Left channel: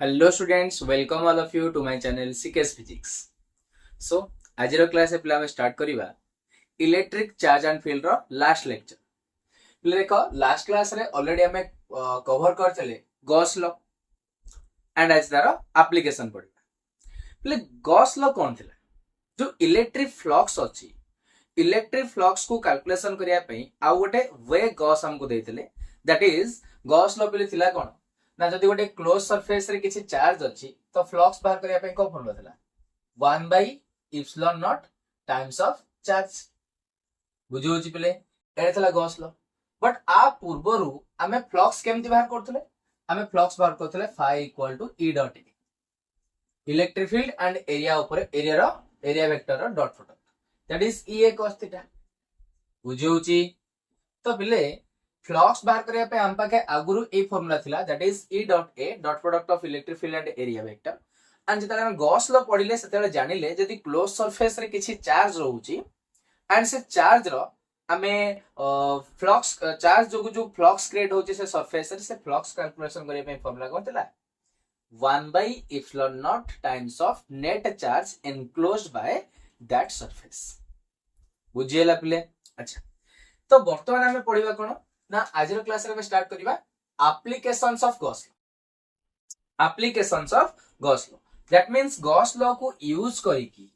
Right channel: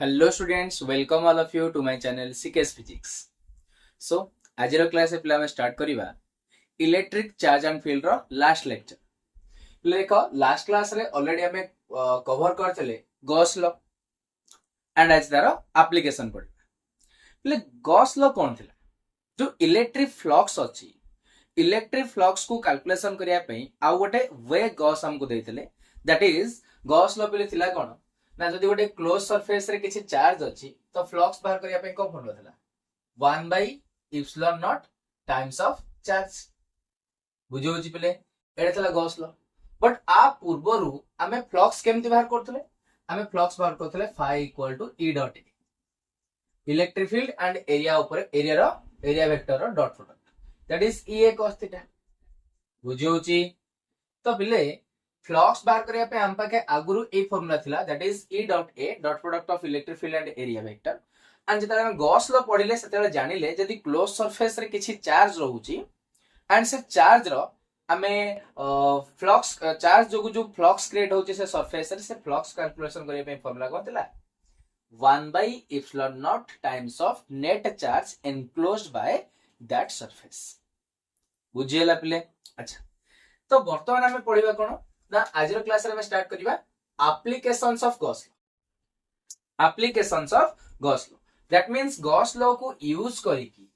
Hello students, welcome all of you to my channel CKS Physics. So, आजर class पे आम start करिबा electric charge and field रो last lecture. पिले देखो लास्ट क्लास रे ऑलरेडी हमें कवर करथले गॉस लॉ एंड आज तार एप्लीकेशन पढिबा. पिले गॉस लॉ कोन थिला? जो इलेक्ट्रिक फ्लक्स अछि, इलेक्ट्रिक फ्लक्स को कैलकुलेशन करिया पई आ गोटे वे गॉस हमको देथिले, दैट इज गॉस लॉ पिले थिला कोन ना जदि गोटे क्लोज सरफेस रे किछि चार्ज अछि तो फ्लक्स बाहर करिया पई को फॉर्मूला थिला 1 by epsilon naught times of charge. बुझि होछि पिले एटा थिला गॉस लॉ. बट आ पूर्वरु हमें फ्लक्स केमति बाहर करथले? हमें फ्लक्स बाहर करथले phi equal to E dot A, electric field and area ऊपर एरिया वेक्टर रो dot product, that is EA cos theta. बुझि होछि तो पिले फ्लक्स बाहर करिया पे हम पाके आगुरु ए फार्मूला थिला, that is E dot A dot product of electric field and area vector. And जेतले हम गॉस लॉ पढिले सेतले जानिले जदि क्लोज सरफेस रे किछि चार्ज रहउची एंड से चार्ज रो हमें फ्लक्स चार्ज जो फ्लक्स क्रिएट होची से सरफेस रे से फ्लक्स कैलकुलेशन करिया पे फार्मूला कोन थिला 1 by epsilon naught times of net charge enclosed by that surface. बुझिएला पिले. अच्छा, तो वर्तमान हमें पढिबा कोन ना आजर क्लास रे स्टार्ट करिबा applications of Gauss law. Applications of Gauss law, that means Gauss law को यूज करिकी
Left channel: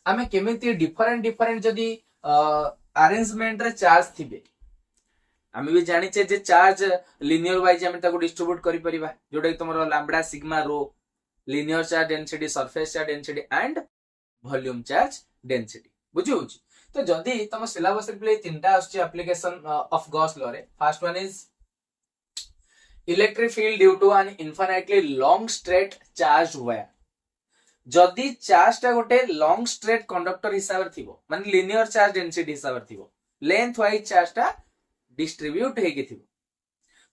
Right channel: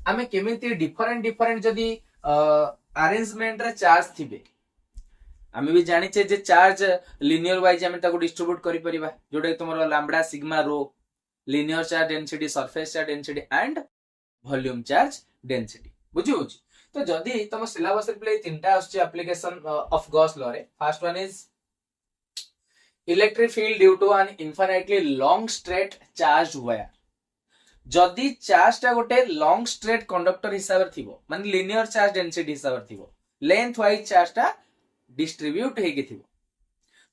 हमें केमिति डिफरेंट जदी अरेंजमेंट रे चार्ज थिबे. हमें भी जानि छे जे चार्ज लिनियर वाइज हमें ताको डिस्ट्रीब्यूट करि परिबा, जोडे तमरो लैम्बडा सिग्मा रो linear charge density, surface charge density and volume charge density. बुझि होछि तो जदी तम सिलेबस रे प्ले तीनटा आछी एप्लीकेशन ऑफ गॉस लॉ रे. First one is electric field due to an infinitely long straight charge wire. जदी चार्जटा गोटे लॉन्ग स्ट्रेट कंडक्टर हिसाब रे थिबो, माने लिनियर चार्ज डेंसिटी हिसाब रे थिबो, लेंथ वाइज चार्जटा डिस्ट्रीब्यूट हेके थिबो,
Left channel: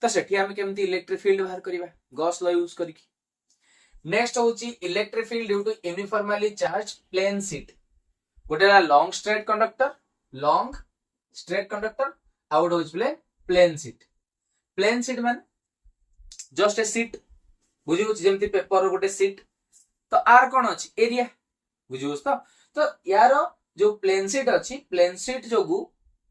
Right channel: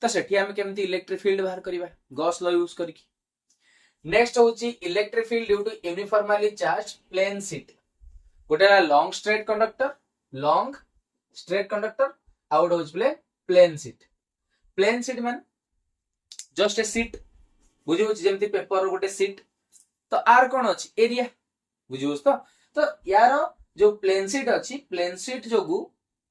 तो सेठी हम केमति इलेक्ट्रिक फील्ड बाहर करिबा गॉस लॉ यूज करिकी. नेक्स्ट होची electric field due to uniformly charge plane sheet. गोटे लॉन्ग स्ट्रेट कंडक्टर आउट होच प्लेन शीट मान जस्ट ए शीट. बुझि होच जेमति पेपर रो गोटे शीट, तो आर कोन अछि एरिया. बुझि होच तो यार जो प्लेन शीट अछि, प्लेन शीट जोगु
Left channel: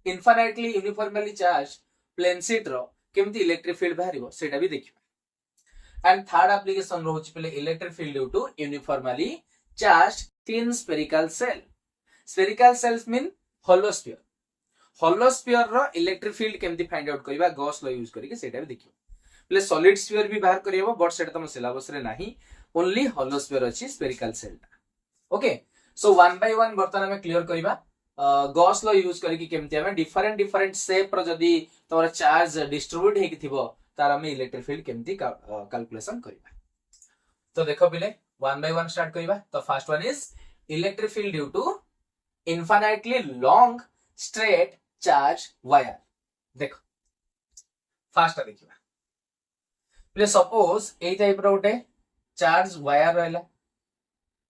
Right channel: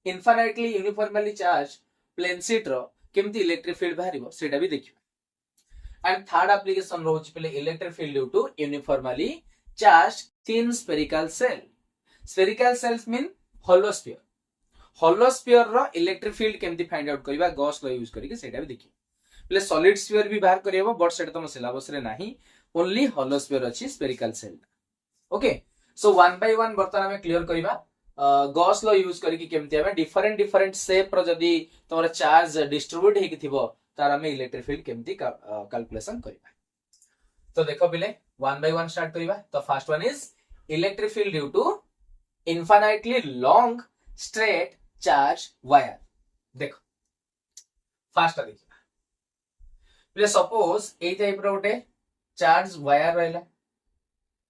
infinitely uniformly charge plane sheet रो केमति इलेक्ट्रिक फील्ड बाहरिबो सेटा भी देखिबा. एंड थर्ड एप्लीकेशन रोच पे electric field due to uniformly charge thin spherical shell. Spherical shells mean hollow sphere. Hollow sphere रो इलेक्ट्रिक फील्ड केमति फाइंड आउट करबा गॉस लॉ यूज करके सेटा भी देखिबो. प्ले सॉलिड स्फीयर भी बाहर करियबो, बट सेटा तम सिलेबस रे नाही, ओनली होलो स्फीयर अछि spherical shell. Okay, so one by one बर्तन हमें क्लियर करबा गॉस लॉ यूज करके केमति हमें डिफरेंट शेप रो जदी तमरा चार्ज डिस्ट्रीब्यूट हेकि थिबो तार हमें इलेक्ट्रिक फील्ड केमति कैलकुलेशन करबा. तो देखो पिले वन बाय वन स्टार्ट करबा. तो first one is electric field due to infinitely long straight charge wire. देखो फास्ट देखिबा प्ले सपोज ए टाइप रो गोटे चार्ज वायर रहला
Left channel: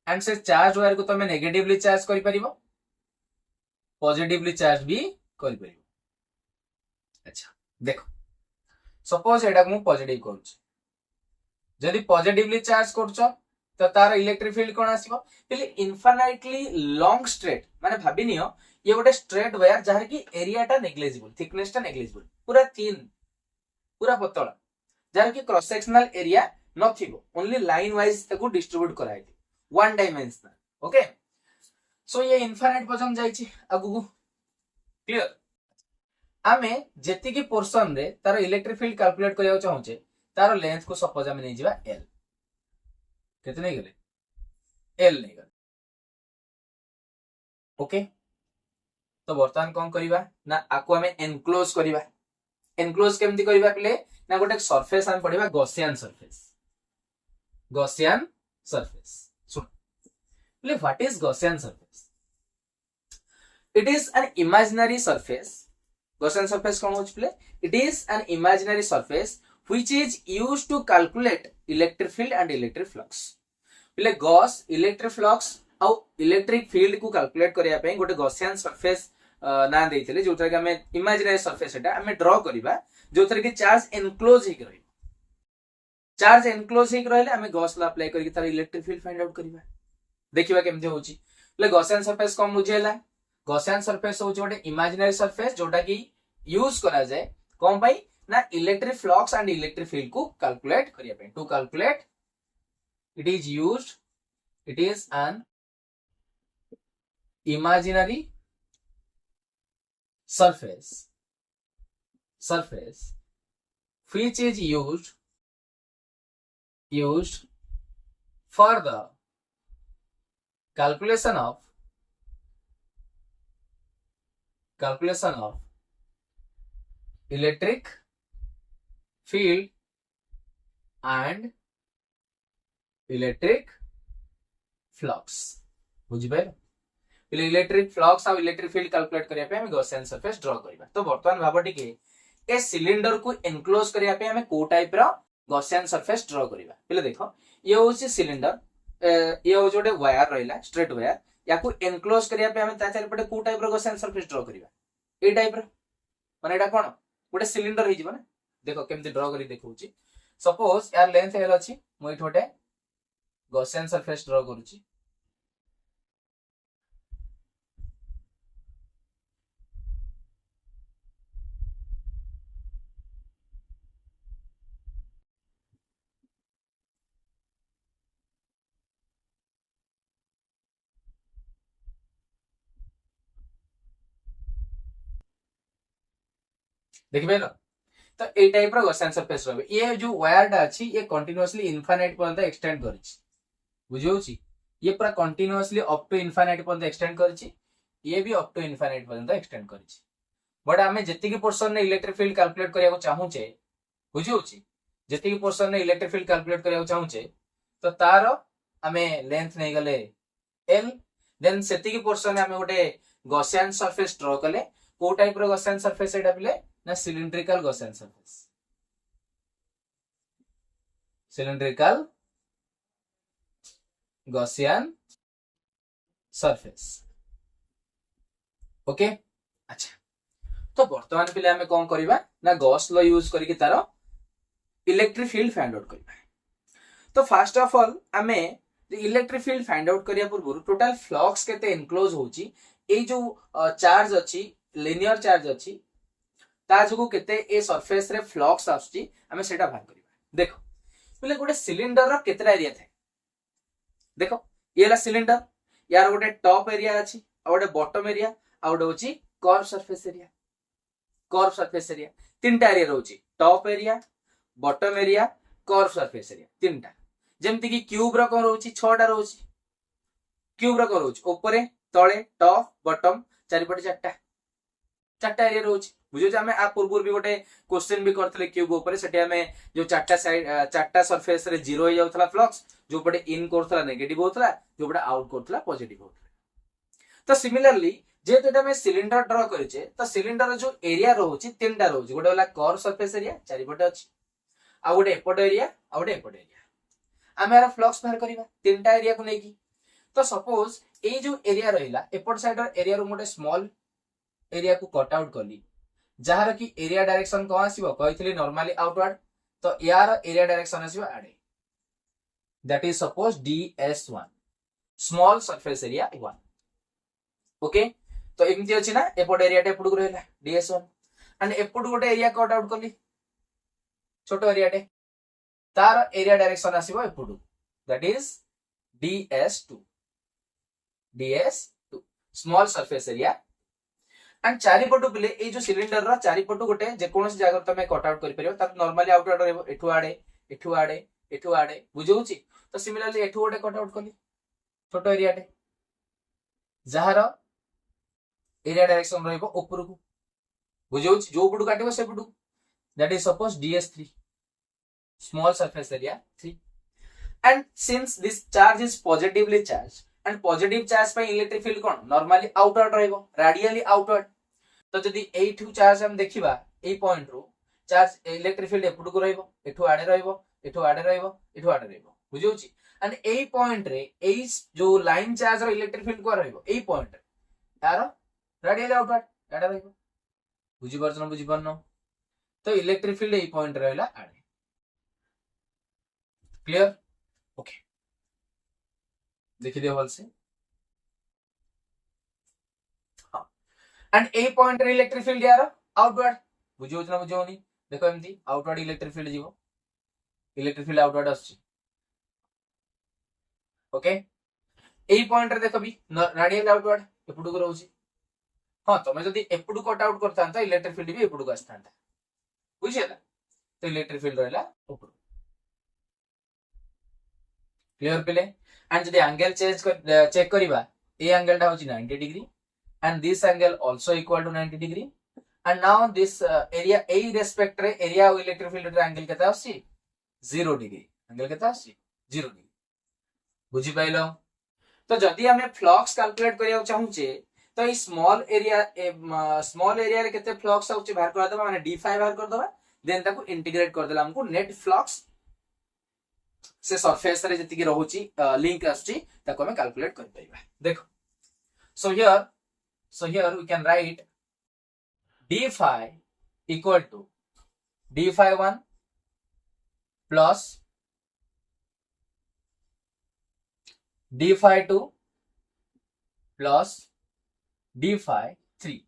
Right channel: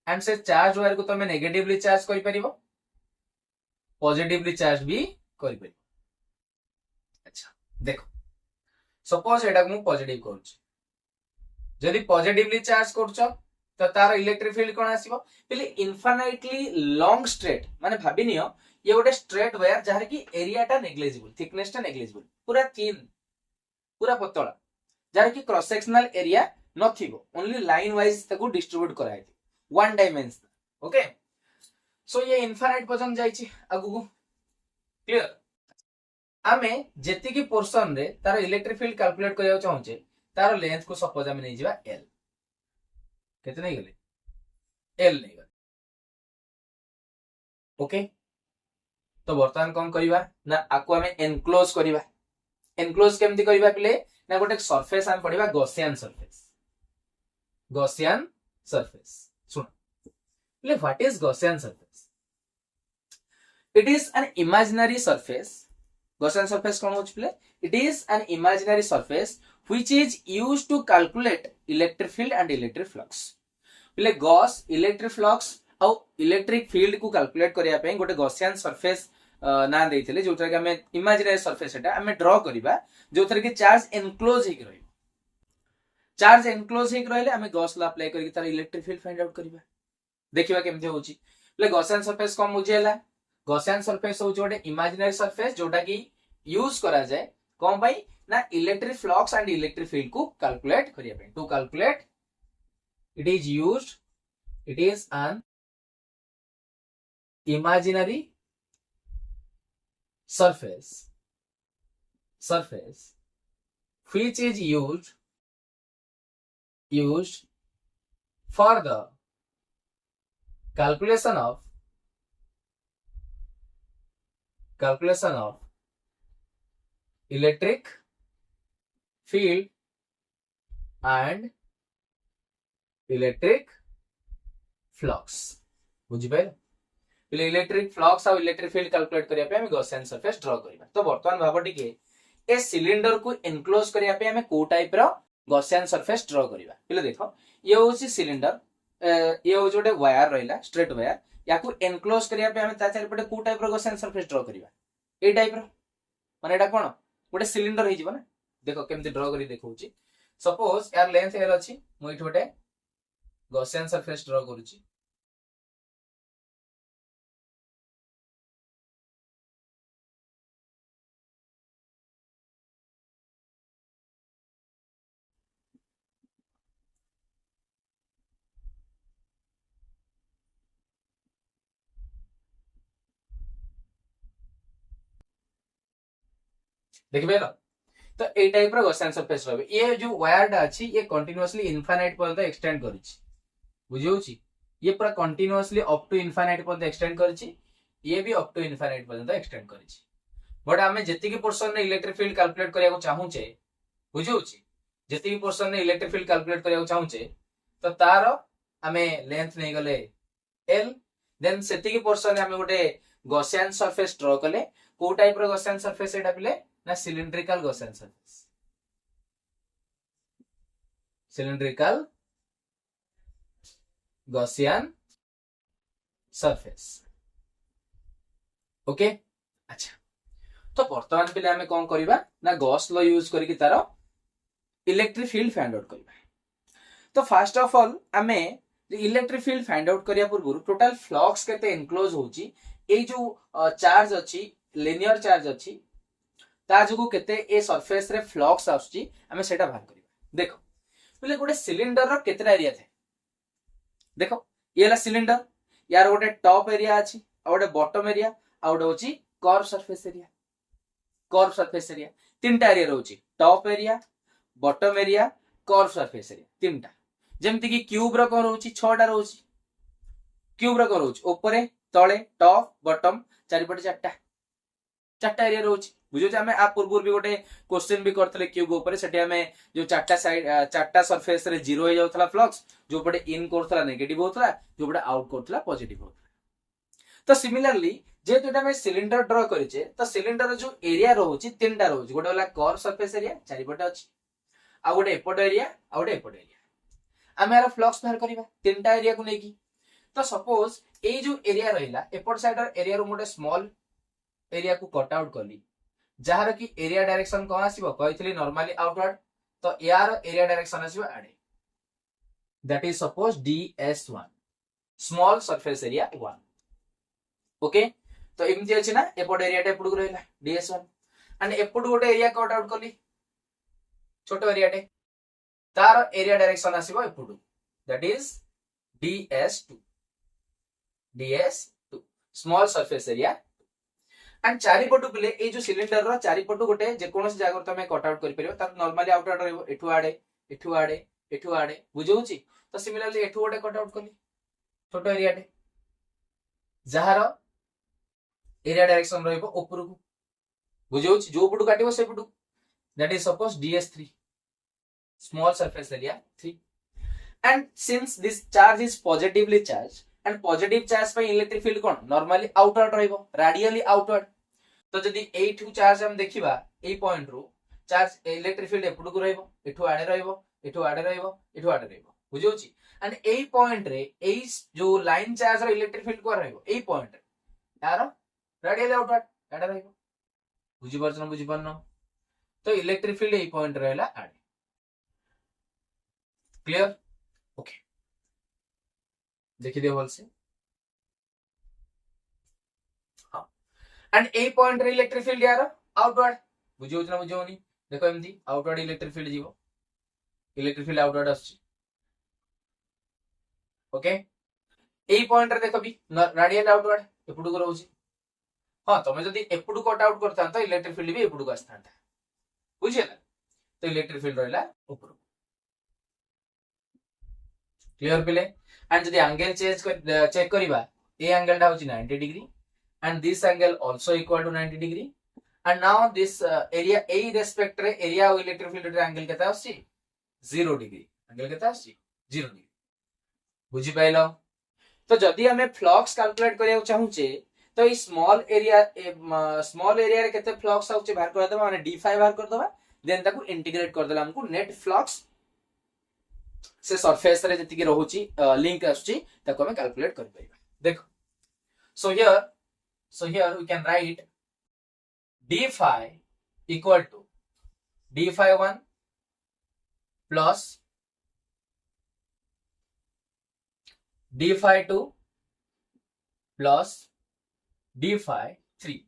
एंड से चार्ज वायर को तमे नेगेटिवली चार्ज करि परिबो, पॉजिटिवली चार्ज भी करि परिबो. अच्छा देखो सपोज एटा को पॉजिटिव करूछ, जदि पॉजिटिवली चार्ज करछ तो तार इलेक्ट्रिक फील्ड कोन आसीबो पहिले इनफाइनाइटली लॉन्ग स्ट्रेट. माने भाबि नियो ये गोटे स्ट्रेट वायर जहार की एरियाटा नेग्लिजिबल, थिकनेसटा नेग्लिजिबल, पूरा थिन पूरा पतला, जहार की क्रॉस सेक्शनल एरिया नथिबो, ओनली लाइन वाइज ताको डिस्ट्रीब्यूट कराइ वन डायमेंशनल. ओके, सो ये इनफाइनाइट पर्यंत जाइछि आगु. क्लियर? आमे जेति की पोर्शन रे तार इलेक्ट्रिक फील्ड कैलकुलेट करिया चाहूचे, तार लेंथ को सपोज हम नै जिबा l. केते नै गेले l नै गेले. ओके, तो वर्तमान कोन करिबा ना आको हमें एनक्लोज करिबा. एनक्लोज केमति करिबा पिले ना गोटे सरफेस हम पढिबा गॉसियन सरफेस. गॉसियन सरफेस सुन पिले what is Gaussian surface? It is an imaginary surface. Gaussian surface कौन होच play? It is an imaginary surface which is used to calculate electric field and electric flux. Play Gauss electric flux और electric field को calculate करिया पे गोटे Gaussian surface ना देइथिले, जोथरे कि हमें इमेजिनरी सरफेस एटा हमें ड्रा करिबा, जोथरे कि चार्ज एनक्लोज हेक रहिबो. चार्ज एनक्लोज हेक रहले आमे गॉस ला अप्लाई करके तार इलेक्ट्रिक फील्ड फाइंड आउट करबा देखिबा केमते होची ले गॉसियन सरफेस कम बुझेला गॉसियन सरफेस होची गोटे इमेजिनरी सरफेस जोटा की यूज करा जाए कोन भाई ना electric flux and electric field को कैलकुलेट करिया पे to calculate it is used it is an imaginary surface which is used for the calculation of electric field and electric flux बुझिपारे पहिले इलेक्ट्रिक फ्लक्स और इलेक्ट्रिक फील्ड कैलकुलेट करिया पे हम Gaussian surface draw करबा तो वर्तमान भाबो टिके ए सिलिंडर को एनक्लोज करिया पे हम को टाइप रो गॉसियन सरफेस ड्रा करबा पहिले देखो ये होची सिलिंडर ये हो जोटे वायर रहिला स्ट्रेट वायर या को एनक्लोज करिया पे हम ता चारि पटे को टाइप रो गॉसियन सरफेस ड्रा करबा ए टाइप रो माने एटा कोन गोटे सिलिंडर हे जिवो ना देखो केमते ड्रा करी देखौची सपोज यार लेंथ एल अछि मु इठोटे गॉसियन सरफेस ड्रा करूची देखिबे ना तो ए टाइप रो गॉसियन सरफेस रहबे ये जो वायर टा अछि ये कंटीन्यूअसली इनफाइनाइट पर्यंत एक्सटेंड करिछि बुझियोची ये पूरा कंटीन्यूअसली अप टू इनफाइनाइट पर्यंत एक्सटेंड करिछि ये भी अप टू इनफाइनाइट पर्यंत एक्सटेंड करिछि बट हमें जति की पोर्शन ने इलेक्ट्रिक फील्ड कैलकुलेट करिया को चाहू छे बुझियोची जति की पोर्शन ने इलेक्ट्रिक फील्ड कैलकुलेट करिया को चाहू छे तो तार हमें लेंथ नहीं गले एल देन सेति की पोर्शन हमें गोटे गॉसियन सरफेस ड्रा कले को टाइप रो गॉसियन सरफेस एटा बिले ना सिलिंड्रिकल गॉसियन सरफेस ओके अच्छा तो वर्तमान पे हमें कौन करबा ना गॉस लॉ यूज करके तार इलेक्ट्रिक फील्ड फाइंड आउट करबा तो फर्स्ट ऑफ ऑल हमें इलेक्ट्रिक फील्ड फाइंड आउट करिया पूर्व टोटल फ्लक्स केते एनक्लोज होची ए जो चार्ज अछि लिनियर चार्ज अछि ता जगु केते ए सरफेस रे फ्लक्स आछी हमें सेटा बाहर करबा देखो बोले गोटे सिलिंडर रो केतेटा एरिया थे देखो ये ला सिलिंडर यार गोटे टॉप एरिया अछि आ गोटे बॉटम एरिया आ गोटे होची कर्व सरफेस एरिया तीनटा एरिया रहउची top area bottom area curve surface area तीनटा जेमति कि क्यूब रो कोन रहउची 6टा रहउची क्यूब रो कोन रहउची ऊपरे तळे टॉप बॉटम चारिपटे चारटा एरिया रहउची बुझो जे हमें आ पूर्व भी गोटे क्वेश्चन भी करथले क्यूब ऊपरे सेठी हमें जो चारटा साइड चारटा सरफेस रे जीरो हो जाउथला फ्लक्स जो पटे इन करथला नेगेटिव होथला जो पटे आउट करथला पॉजिटिव होथला तो सिमिलरली जे तो हमें सिलिंडर ड्रा करिचे तो सिलिंडर जो एरिया रहउची तीनटा रहउची गोटे होला कर्व सरफेस एरिया चारिपटे अछि आ गोटे एपट एरिया आ गोटे एपट एरिया हमें फ्लक्स बाहर करबा तीनटा एरिया को नेकी तो सपोज ए जो एरिया रहिला एपट साइड एरिया रो मोटे स्मॉल एरिया को कट आउट करली जहार की एरिया डायरेक्शन को आसीबो कहितली नॉर्मली आउटवर्ड तो यार area direction आसीबो Ade that is suppose ds1 small surface area 1 okay तो एमती अछि ना एपट एरिया टे एपट को रहला ds1 एंड एपट गोटे एरिया कट आउट करली छोटो एरिया टे तार एरिया डायरेक्शन आसीबो एपट that is ds2 small surface area and चारिपटु बिले ए जो सिलिंडर रो चारिपटु गोटे जे कोनोस जगह तमे कट आउट करि परियो त नॉर्मली आउटवर्ड रहबो एठु आडे बुझौची तो सिमिलरली एठु गोटे कट आउट करली छोटो एरिया टे जहार एरिया डायरेक्शन रहबो ऊपर को बुझौची जो पटु काटिबो से पटु that is suppose ds3 small surface area 3 and since this charge is positively charge and positive charge पे इलेक्ट्रिक फील्ड कोन नॉर्मली आउटवर्ड रहबो रेडियली आउटवर्ड तो जदी एठु चार्ज हम देखिबा ए पॉइंट रो चार्ज इलेक्ट्रिक फील्ड एपटु को रहबो एठु आडे रहबो बुझौची एंड ए पॉइंट रे ए जो लाइन चार्ज रो इलेक्ट्रिक फील्ड को रहबो ए पॉइंट यार रेडियली आउटवर्ड एडा रहबो बुझि परछन तो इलेक्ट्रिक फील्ड ए पॉइंट रहला आडे क्लियर ओके देखि दियो भल से हां एंड ए पॉइंट रे इलेक्ट्रिक फील्ड यार आउटवर्ड बुझियो ना बुझियोनी देखो एमती आउटवर्ड इलेक्ट्रिक फील्ड जीवो इलेक्ट्रिक फील्ड आउटवर्ड आछी ओके ए पॉइंट रे देखो भी रेडियल आउटवर्ड एपुडु को रहउची हां तमे जदी एपुडु कट आउट करता तो इलेक्ट्रिक फील्ड भी एपुडु को आस्ता बुझियला तो इलेक्ट्रिक फील्ड रहला ऊपर क्लियर पिले एंड जदी एंगल चेक करबा ए एंगल टा होची 90 degree and this angle also equal to 90 degree and now this area a respect रे area of electric field रे angle केता आसी 0 degree angle केता आसी 0 degree बुझी पाइलो तो जदी हमें फ्लक्स कैलकुलेट करिया चाहूचे तो ई स्मॉल एरिया रे केते फ्लक्स आउचे बाहर कर दबा माने d5 बाहर कर दबा देन ताको इंटीग्रेट कर देला हमको नेट फ्लक्स से सरफेस रे जति की रहउची लिंक आछी ताको हमें कैलकुलेट कर पाइबा देखो so here we can write d phi equal to d phi 1 plus d phi 2 plus d phi 3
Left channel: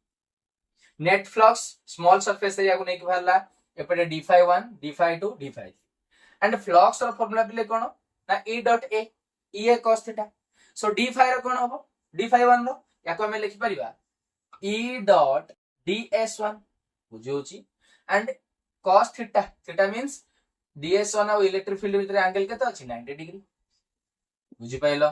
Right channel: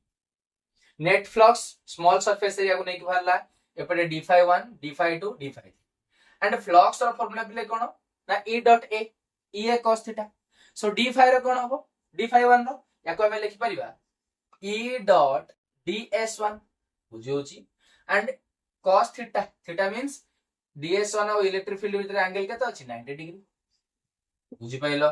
net flux small surface area को नहीं बाहरला एपटे d phi 1 d phi 2 d phi 3 and flux रो formula पिले कोन ना e dot a e a cos theta so d phi रो कोन हबो d phi 1 रो याको हमें लिखि परिबा e dot ds1 बुझियोची and cos theta theta means ds1 और इलेक्ट्रिक फील्ड भीतर एंगल केता अछि 90 डिग्री बुझि पाइलो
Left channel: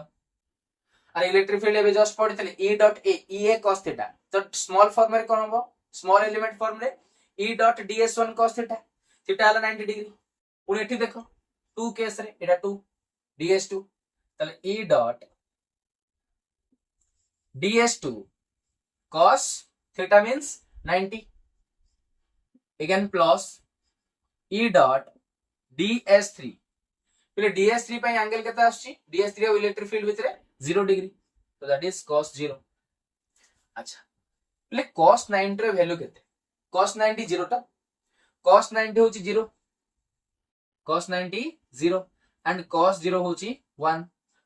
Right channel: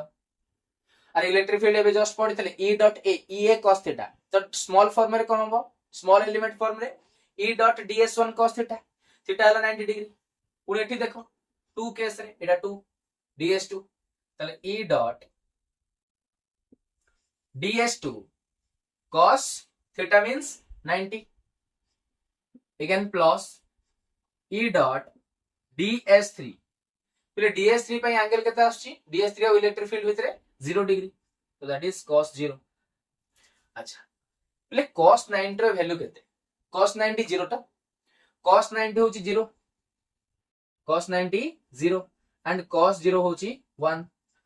अरे इलेक्ट्रिक फील्ड एबे जस्ट पढितले e dot a e a cos theta तो स्मॉल फॉर्म रे कोन हबो स्मॉल एलिमेंट फॉर्म रे e dot ds1 cos theta theta हला 90 डिग्री पुनी एठी देखो 2 केस रे एटा 2 ds2 तले e dot ds2 cos theta means 90 again plus e dot ds3 पहले ds3 पे एंगल केता आछि ds3 और इलेक्ट्रिक फील्ड भितरे 0 डिग्री तो दैट इज cos 0 अच्छा पहले cos 90 रे वैल्यू केते cos 90 0 टा cos 90 होची 0 cos 90 0 एंड cos 0 होची 1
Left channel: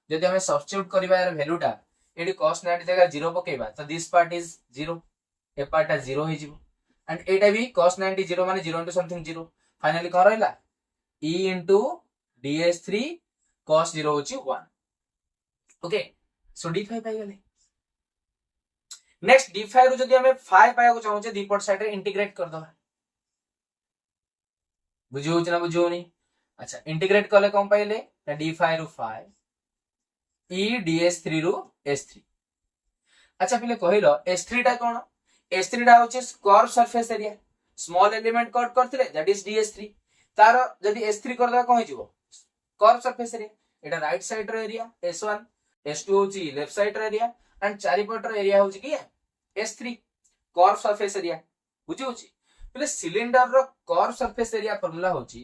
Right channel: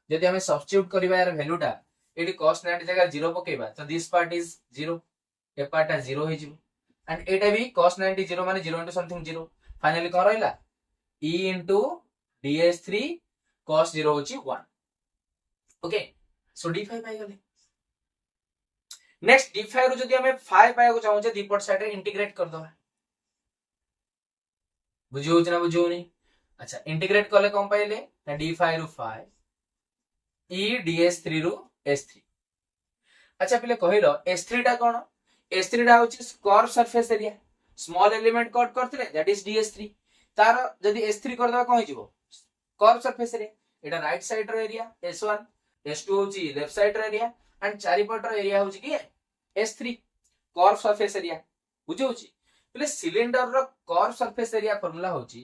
जदि हमें सब्स्टिट्यूट करबा यार वैल्यू टा एडी cos 90 जगह 0 पकेबा तो this part is 0 A part is 0 हे जिवो एंड एटा भी cos 90 0 माने 0 into something 0 फाइनली कोन रहला e into ds3 cos 0 होची 1 ओके सो d5 पाइ गेले नेक्स्ट d5 रो जदी हमें 5 पाया को चाहू जे दीपट साइड रे इंटीग्रेट कर दबा बुझियो ना बुझियो नहीं अच्छा इंटीग्रेट करले कोन पाइले d5 रो 5 e ds3 रो s3 अच्छा पहले कहिलो s3 टा कोन s3 टा होची curve surface area small element cut करथिले दैट इज ds3 तार जदी s3 कर दबा कोन हिजबो कर्व सरफेस एरिया एटा राइट साइड रो एरिया s1 s2 होची लेफ्ट साइड रो एरिया एंड चारि पट रो एरिया होची की s3 कर्व सरफेस एरिया बुझी होची पहले सिलिंडर रो कर्व सरफेस एरिया फार्मूला होची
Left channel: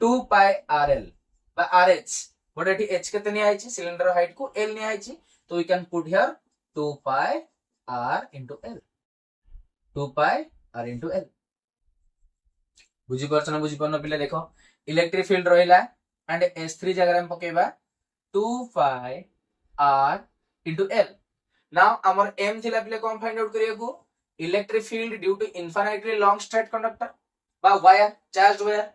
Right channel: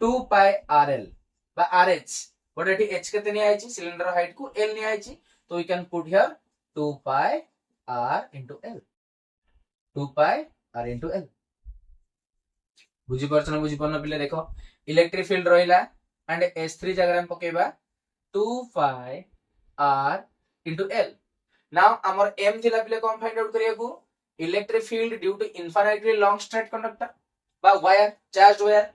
2 pi rl बा rh बट एटी h केते नि आइची सिलिंडर हाइट को l नि आइची तो we can put here 2 pi r into l 2 pi r into l बुझी परछन बुझी परन पिले देखो इलेक्ट्रिक फील्ड रहिला एंड s3 जगह हम पकेबा 2 pi r into l now हमर m थिला पिले कोन फाइंड आउट करिया को electric field due to infinitely long straight conductor बा वायर चार्ज्ड वायर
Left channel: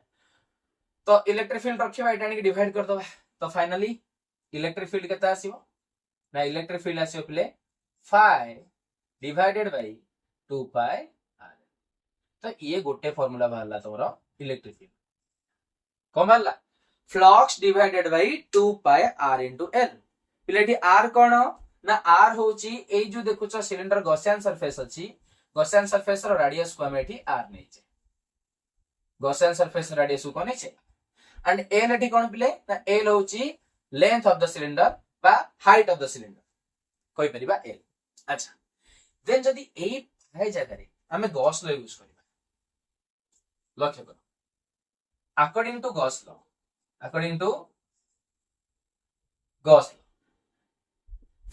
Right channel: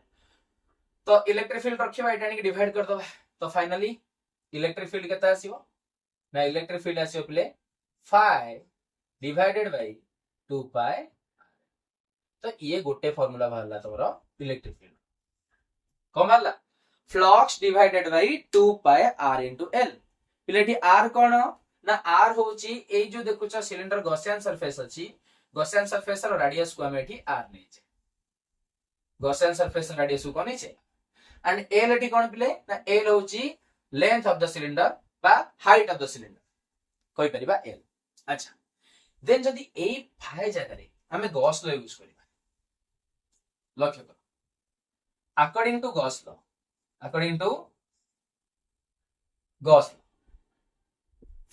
तो इलेक्ट्रिक फील्ड रखिबा एटा नि डिवाइड कर दबा तो फाइनली इलेक्ट्रिक फील्ड केता आसीबो ना इलेक्ट्रिक फील्ड आसीबो प्ले 5 डिवाइडेड बाय 2 pi r तो ये गोटे फार्मूला बाहरला तोरो इलेक्ट्रिक फील्ड कोन बाहरला flux divided by 2 pi r into l पिलेटी r कोन ना r होची ए जो देखुछ सिलिंडर गॉसियन सरफेस अछि गॉसियन सरफेस रो रेडियस को हम एठी r नै छै गॉसियन सरफेस रेडियस को नै छै एंड l एठी कोन पिले ना l होची लेंथ ऑफ द सिलिंडर बा हाइट ऑफ द सिलिंडर कोइ परिबा l अच्छा देन जदी ए फाइ जगह रे हमें गॉस लॉ यूज करिबा लक्ष्य करो according to Gauss law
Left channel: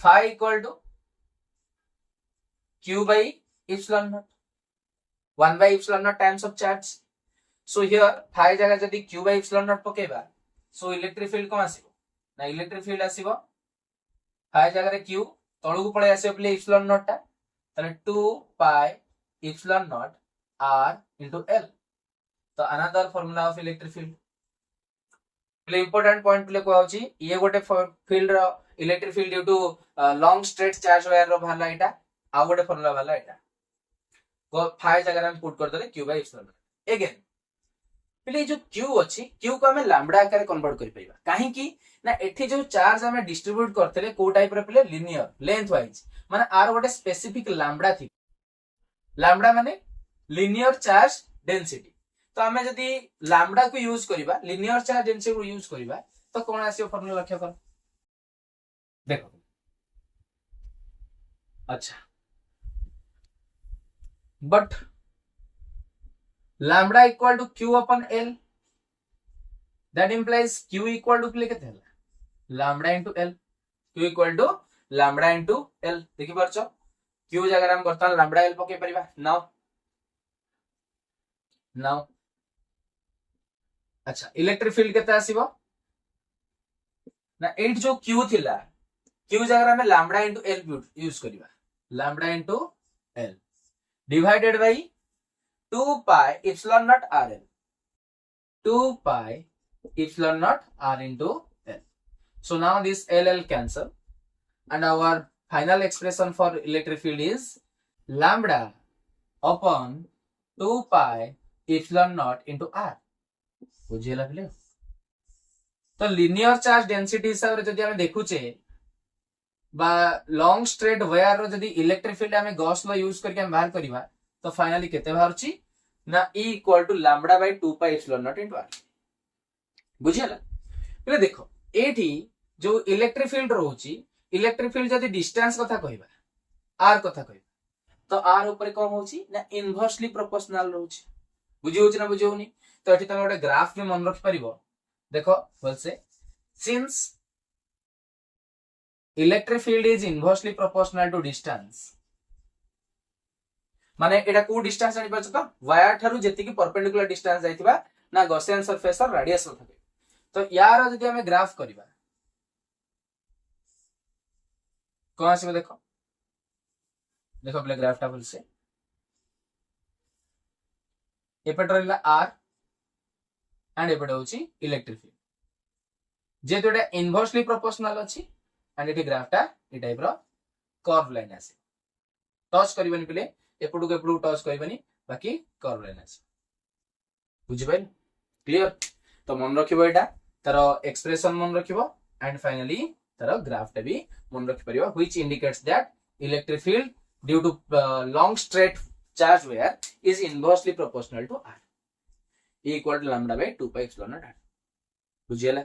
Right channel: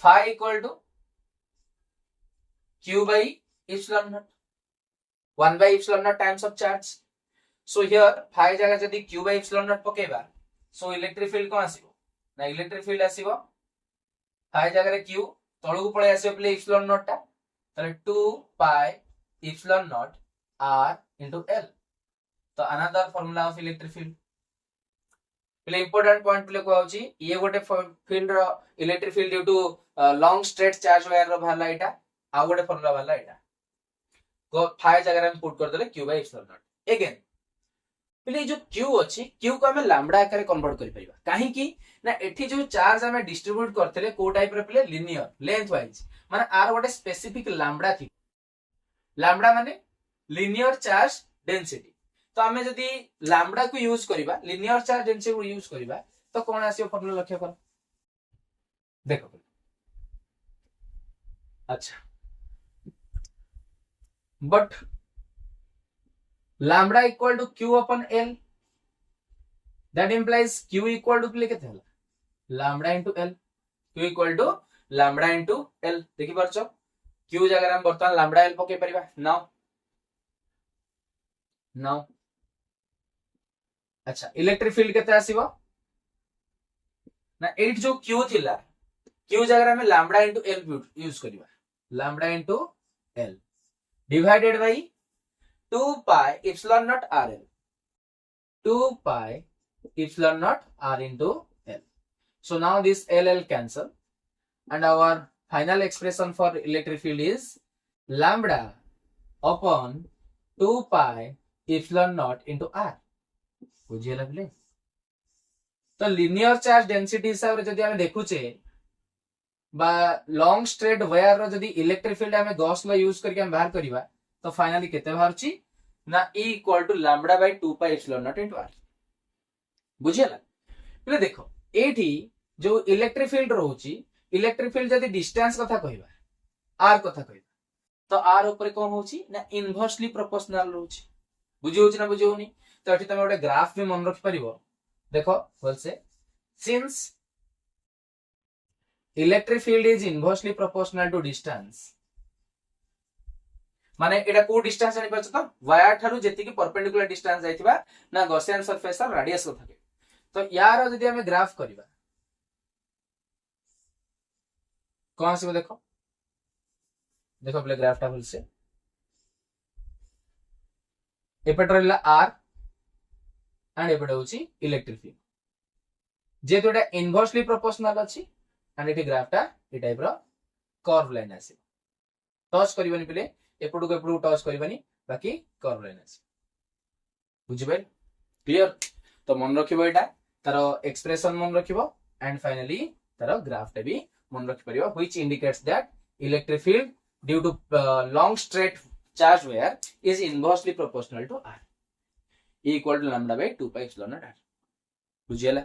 phi equal to q by epsilon naught 1 by epsilon naught times of charge so here phi जगह जदी q by epsilon naught पकेबा सो इलेक्ट्रिक फील्ड कौन आसीबो ना इलेक्ट्रिक फील्ड आसीबो फाइ जगह क्यू तळू पळे आसीबो प्ले इप्सिलॉन नॉट टा ताले 2 pi epsilon naught r into l तो another formula of electric field प्ले इंपोर्टेंट पॉइंट प्ले को होची ये गोटे फील्ड रो electric field due to long straight charge wire रो भाला एटा आ गोटे फार्मूला भाला एटा को फाइ जगह हम पुट कर देले q by epsilon not again play जो q अछि q को हमें लैम्बडा आकार कन्वर्ट कर परिबा काहे की ना एठी जो चार्ज हमें डिस्ट्रीब्यूट करथले को टाइप रे प्ले लिनियर लेंथ वाइज माने आर गोटे स्पेसिफिक लैम्बडा थी लैम्बडा माने लिनियर चार्ज डेंसिटी तो आमे जदी लैम्बडा को यूज करिबा लिनियर चार्ज डेंसिटी को यूज करिबा तो कोन आसीयो फार्मूला लक्ष्य कर देखो अच्छा but lambda equal to q upon l that implies q equal to प्ले केते हला lambda into l q equal to lambda into l देखि परछो q जगह हम बर्तन लैम्बडा l पके परिबा नाउ अच्छा इलेक्ट्रिक फील्ड केते आसीबो ना 8 जो q थिला q जगह हमें लैम्बडा into l यूज करिबा lambda into l divided by 2 pi epsilon naught rl 2 pi epsilon naught r into l so now this l cancel and our final expression for electric field is lambda upon 2 pi epsilon naught into r बुझियला प्ले तो linear charge density हिसाब रे जदी हमें देखुचे बा long straight wire रो जदी electric field हमें गॉस लॉ यूज करके हम बाहर करबा तो फाइनली केते बाहरची ना E equal to lambda by 2 pi epsilon naught into r बुझियला प्ले देखो एठी जो इलेक्ट्रिक फील्ड रहउची इलेक्ट्रिक फील्ड जदी डिस्टेंस कथा कहबा r कथा कहबा तो r ऊपर कोन होची ना इनवर्सली प्रोपोर्शनल रहउची बुझि होची ना बुझि होनी तो एठी तमे गोटे ग्राफ भी मन रखि परिबो देखो बोल से since electric field is inversely proportional to distance माने एटा को डिस्टेंस जानि परछ तो वायर थारु जेति की परपेंडिकुलर डिस्टेंस जाइतिबा ना गॉसियन सरफेस और रेडियस थाके तो यार जदी हमें ग्राफ करिबा कोन आसीबो देखो देखो प्ले ग्राफ टा बोल से एपट रहला r एंड एपट होची इलेक्ट्रिक फील्ड जेतो एटा इनवर्सली प्रोपोर्शनल अछि एंड एटी ग्राफ टा ए टाइप रो कर्व लाइन आसी टच करबनी प्ले एपटू के एपटू टच करबनी बाकी कर्व लाइन आसी बुझि पाइल क्लियर तो मन रखिबो एटा तार एक्सप्रेशन मन रखिबो एंड फाइनली तार ग्राफ टा भी मन रखि परिबो which indicates that electric field due to long straight charge wire is inversely proportional to r equal to lambda by 2 pi epsilon naught r बुझियला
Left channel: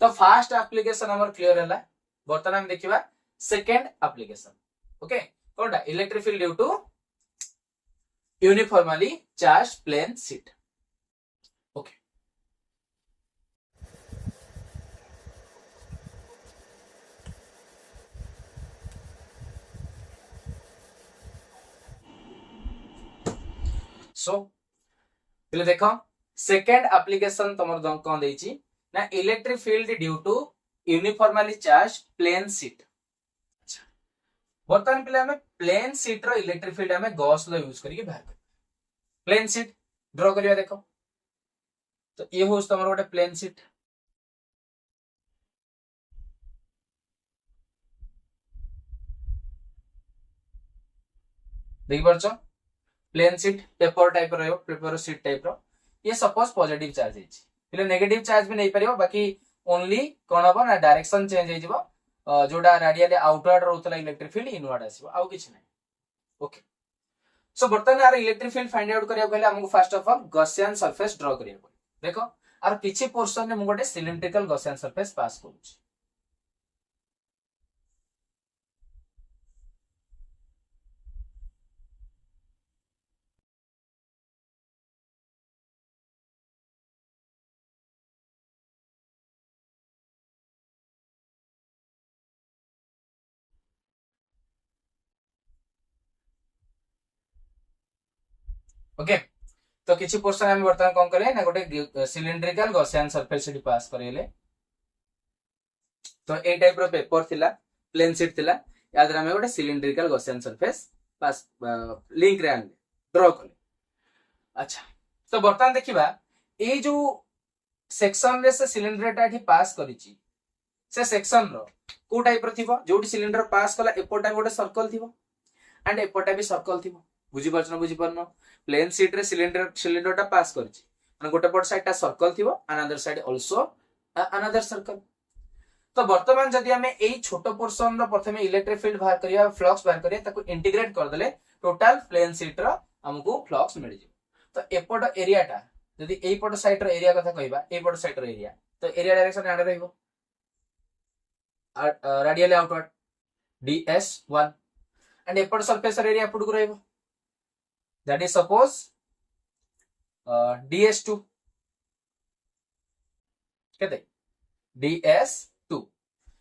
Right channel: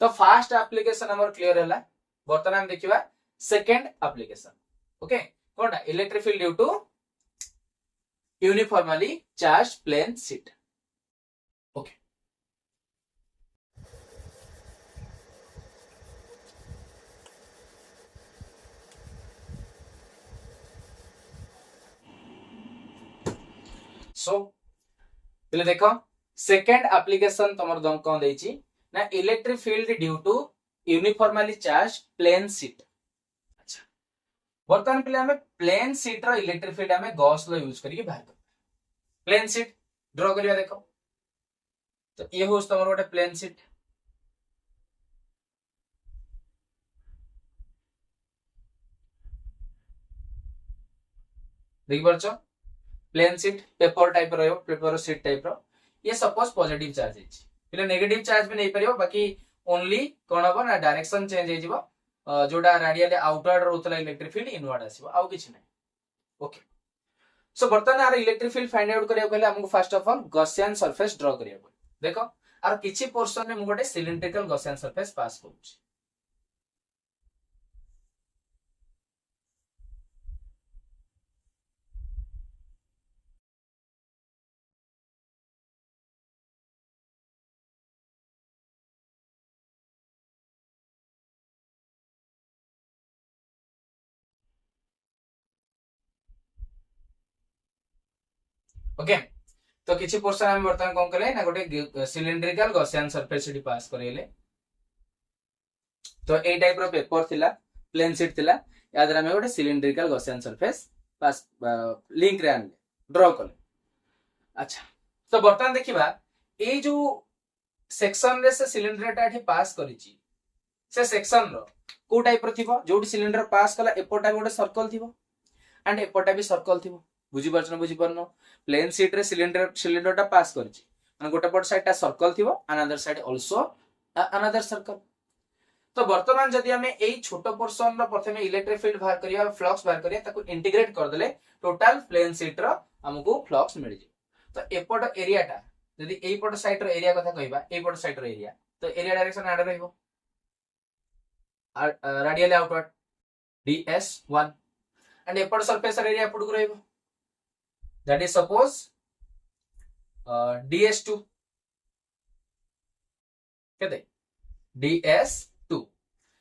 तो फर्स्ट एप्लीकेशन हमर क्लियर हैला बर्तमान हम देखिबा सेकंड एप्लीकेशन ओके कोनटा electric field due to uniformly charge plane sheet okay so पहले देखो सेकंड एप्लीकेशन तमर कोन देछि ना electric field due to uniformly charge plane sheet अच्छा बर्तमान पहले हमें प्लेन शीट रो इलेक्ट्रिक फील्ड हमें गॉस लॉ यूज करके बाहर कर प्लेन शीट ड्रॉ करिया देखो तो ये होस तमर गोटे प्लेन शीट देखि परछो प्लेन शीट पेपर टाइप रो पेपर शीट टाइप रो ये सपोज पॉजिटिव चार्ज है पहले नेगेटिव चार्ज भी नहीं परिबो बाकी ओनली कोन हबो ना डायरेक्शन चेंज हो जिवो जोडा रेडियली आउटवर्ड रहउतला इलेक्ट्रिक फील्ड इनवर्ड आसीबो आउ किछ नै ओके सो बर्तमान आर इलेक्ट्रिक फील्ड फाइंड आउट करिया पहले हमको first of all Gaussian surface draw करिया देखो आर किछि पोर्शन में मु गोटे सिलिंड्रिकल गॉसियन सरफेस पास करूची ओके तो किछि पोर्शन हम वर्तमान कोन करले ना गोटे सिलिंड्रिकल गॉसियन सरफेस सेठी पास करले तो ए टाइप रो पेपर थिला प्लेन शीट थिला या द्वारा हम गोटे सिलिंड्रिकल गॉसियन सरफेस पास लिंक रे आनले ड्रॉ करले अच्छा तो वर्तमान देखिबा ए जो सेक्शन रे से सिलिंडर टा एठी पास करिछि से सेक्शन रो को टाइप रो थिबो जोटी सिलिंडर पास कला एपोटा गोटे सर्कल थिबो एंड एपोटा भी सर्कल थिबो बुझी परछन बुझी परनो प्लेन शीट रे सिलिंडर टा पास करिछि माने गोटे पट साइड टा सर्कल थिबो another side also another circle तो वर्तमान जदि हमें एई छोटो पोर्शन रो प्रथमे इलेक्ट्रिक फील्ड बाहर करिया फ्लक्स बाहर करिया ताको इंटीग्रेट कर देले टोटल प्लेन शीट रो हमकु फ्लक्स मिल जे तो एपोट एरिया टा यदि एई पट साइड रो एरिया कथा कहबा एई पट साइड रो एरिया तो एरिया डायरेक्शन आडे रहइबो रेडियल आउटवर्ड ds1 and एपोट सरफेस एरिया एपोट को रहइबो that is suppose ds2 केते ds2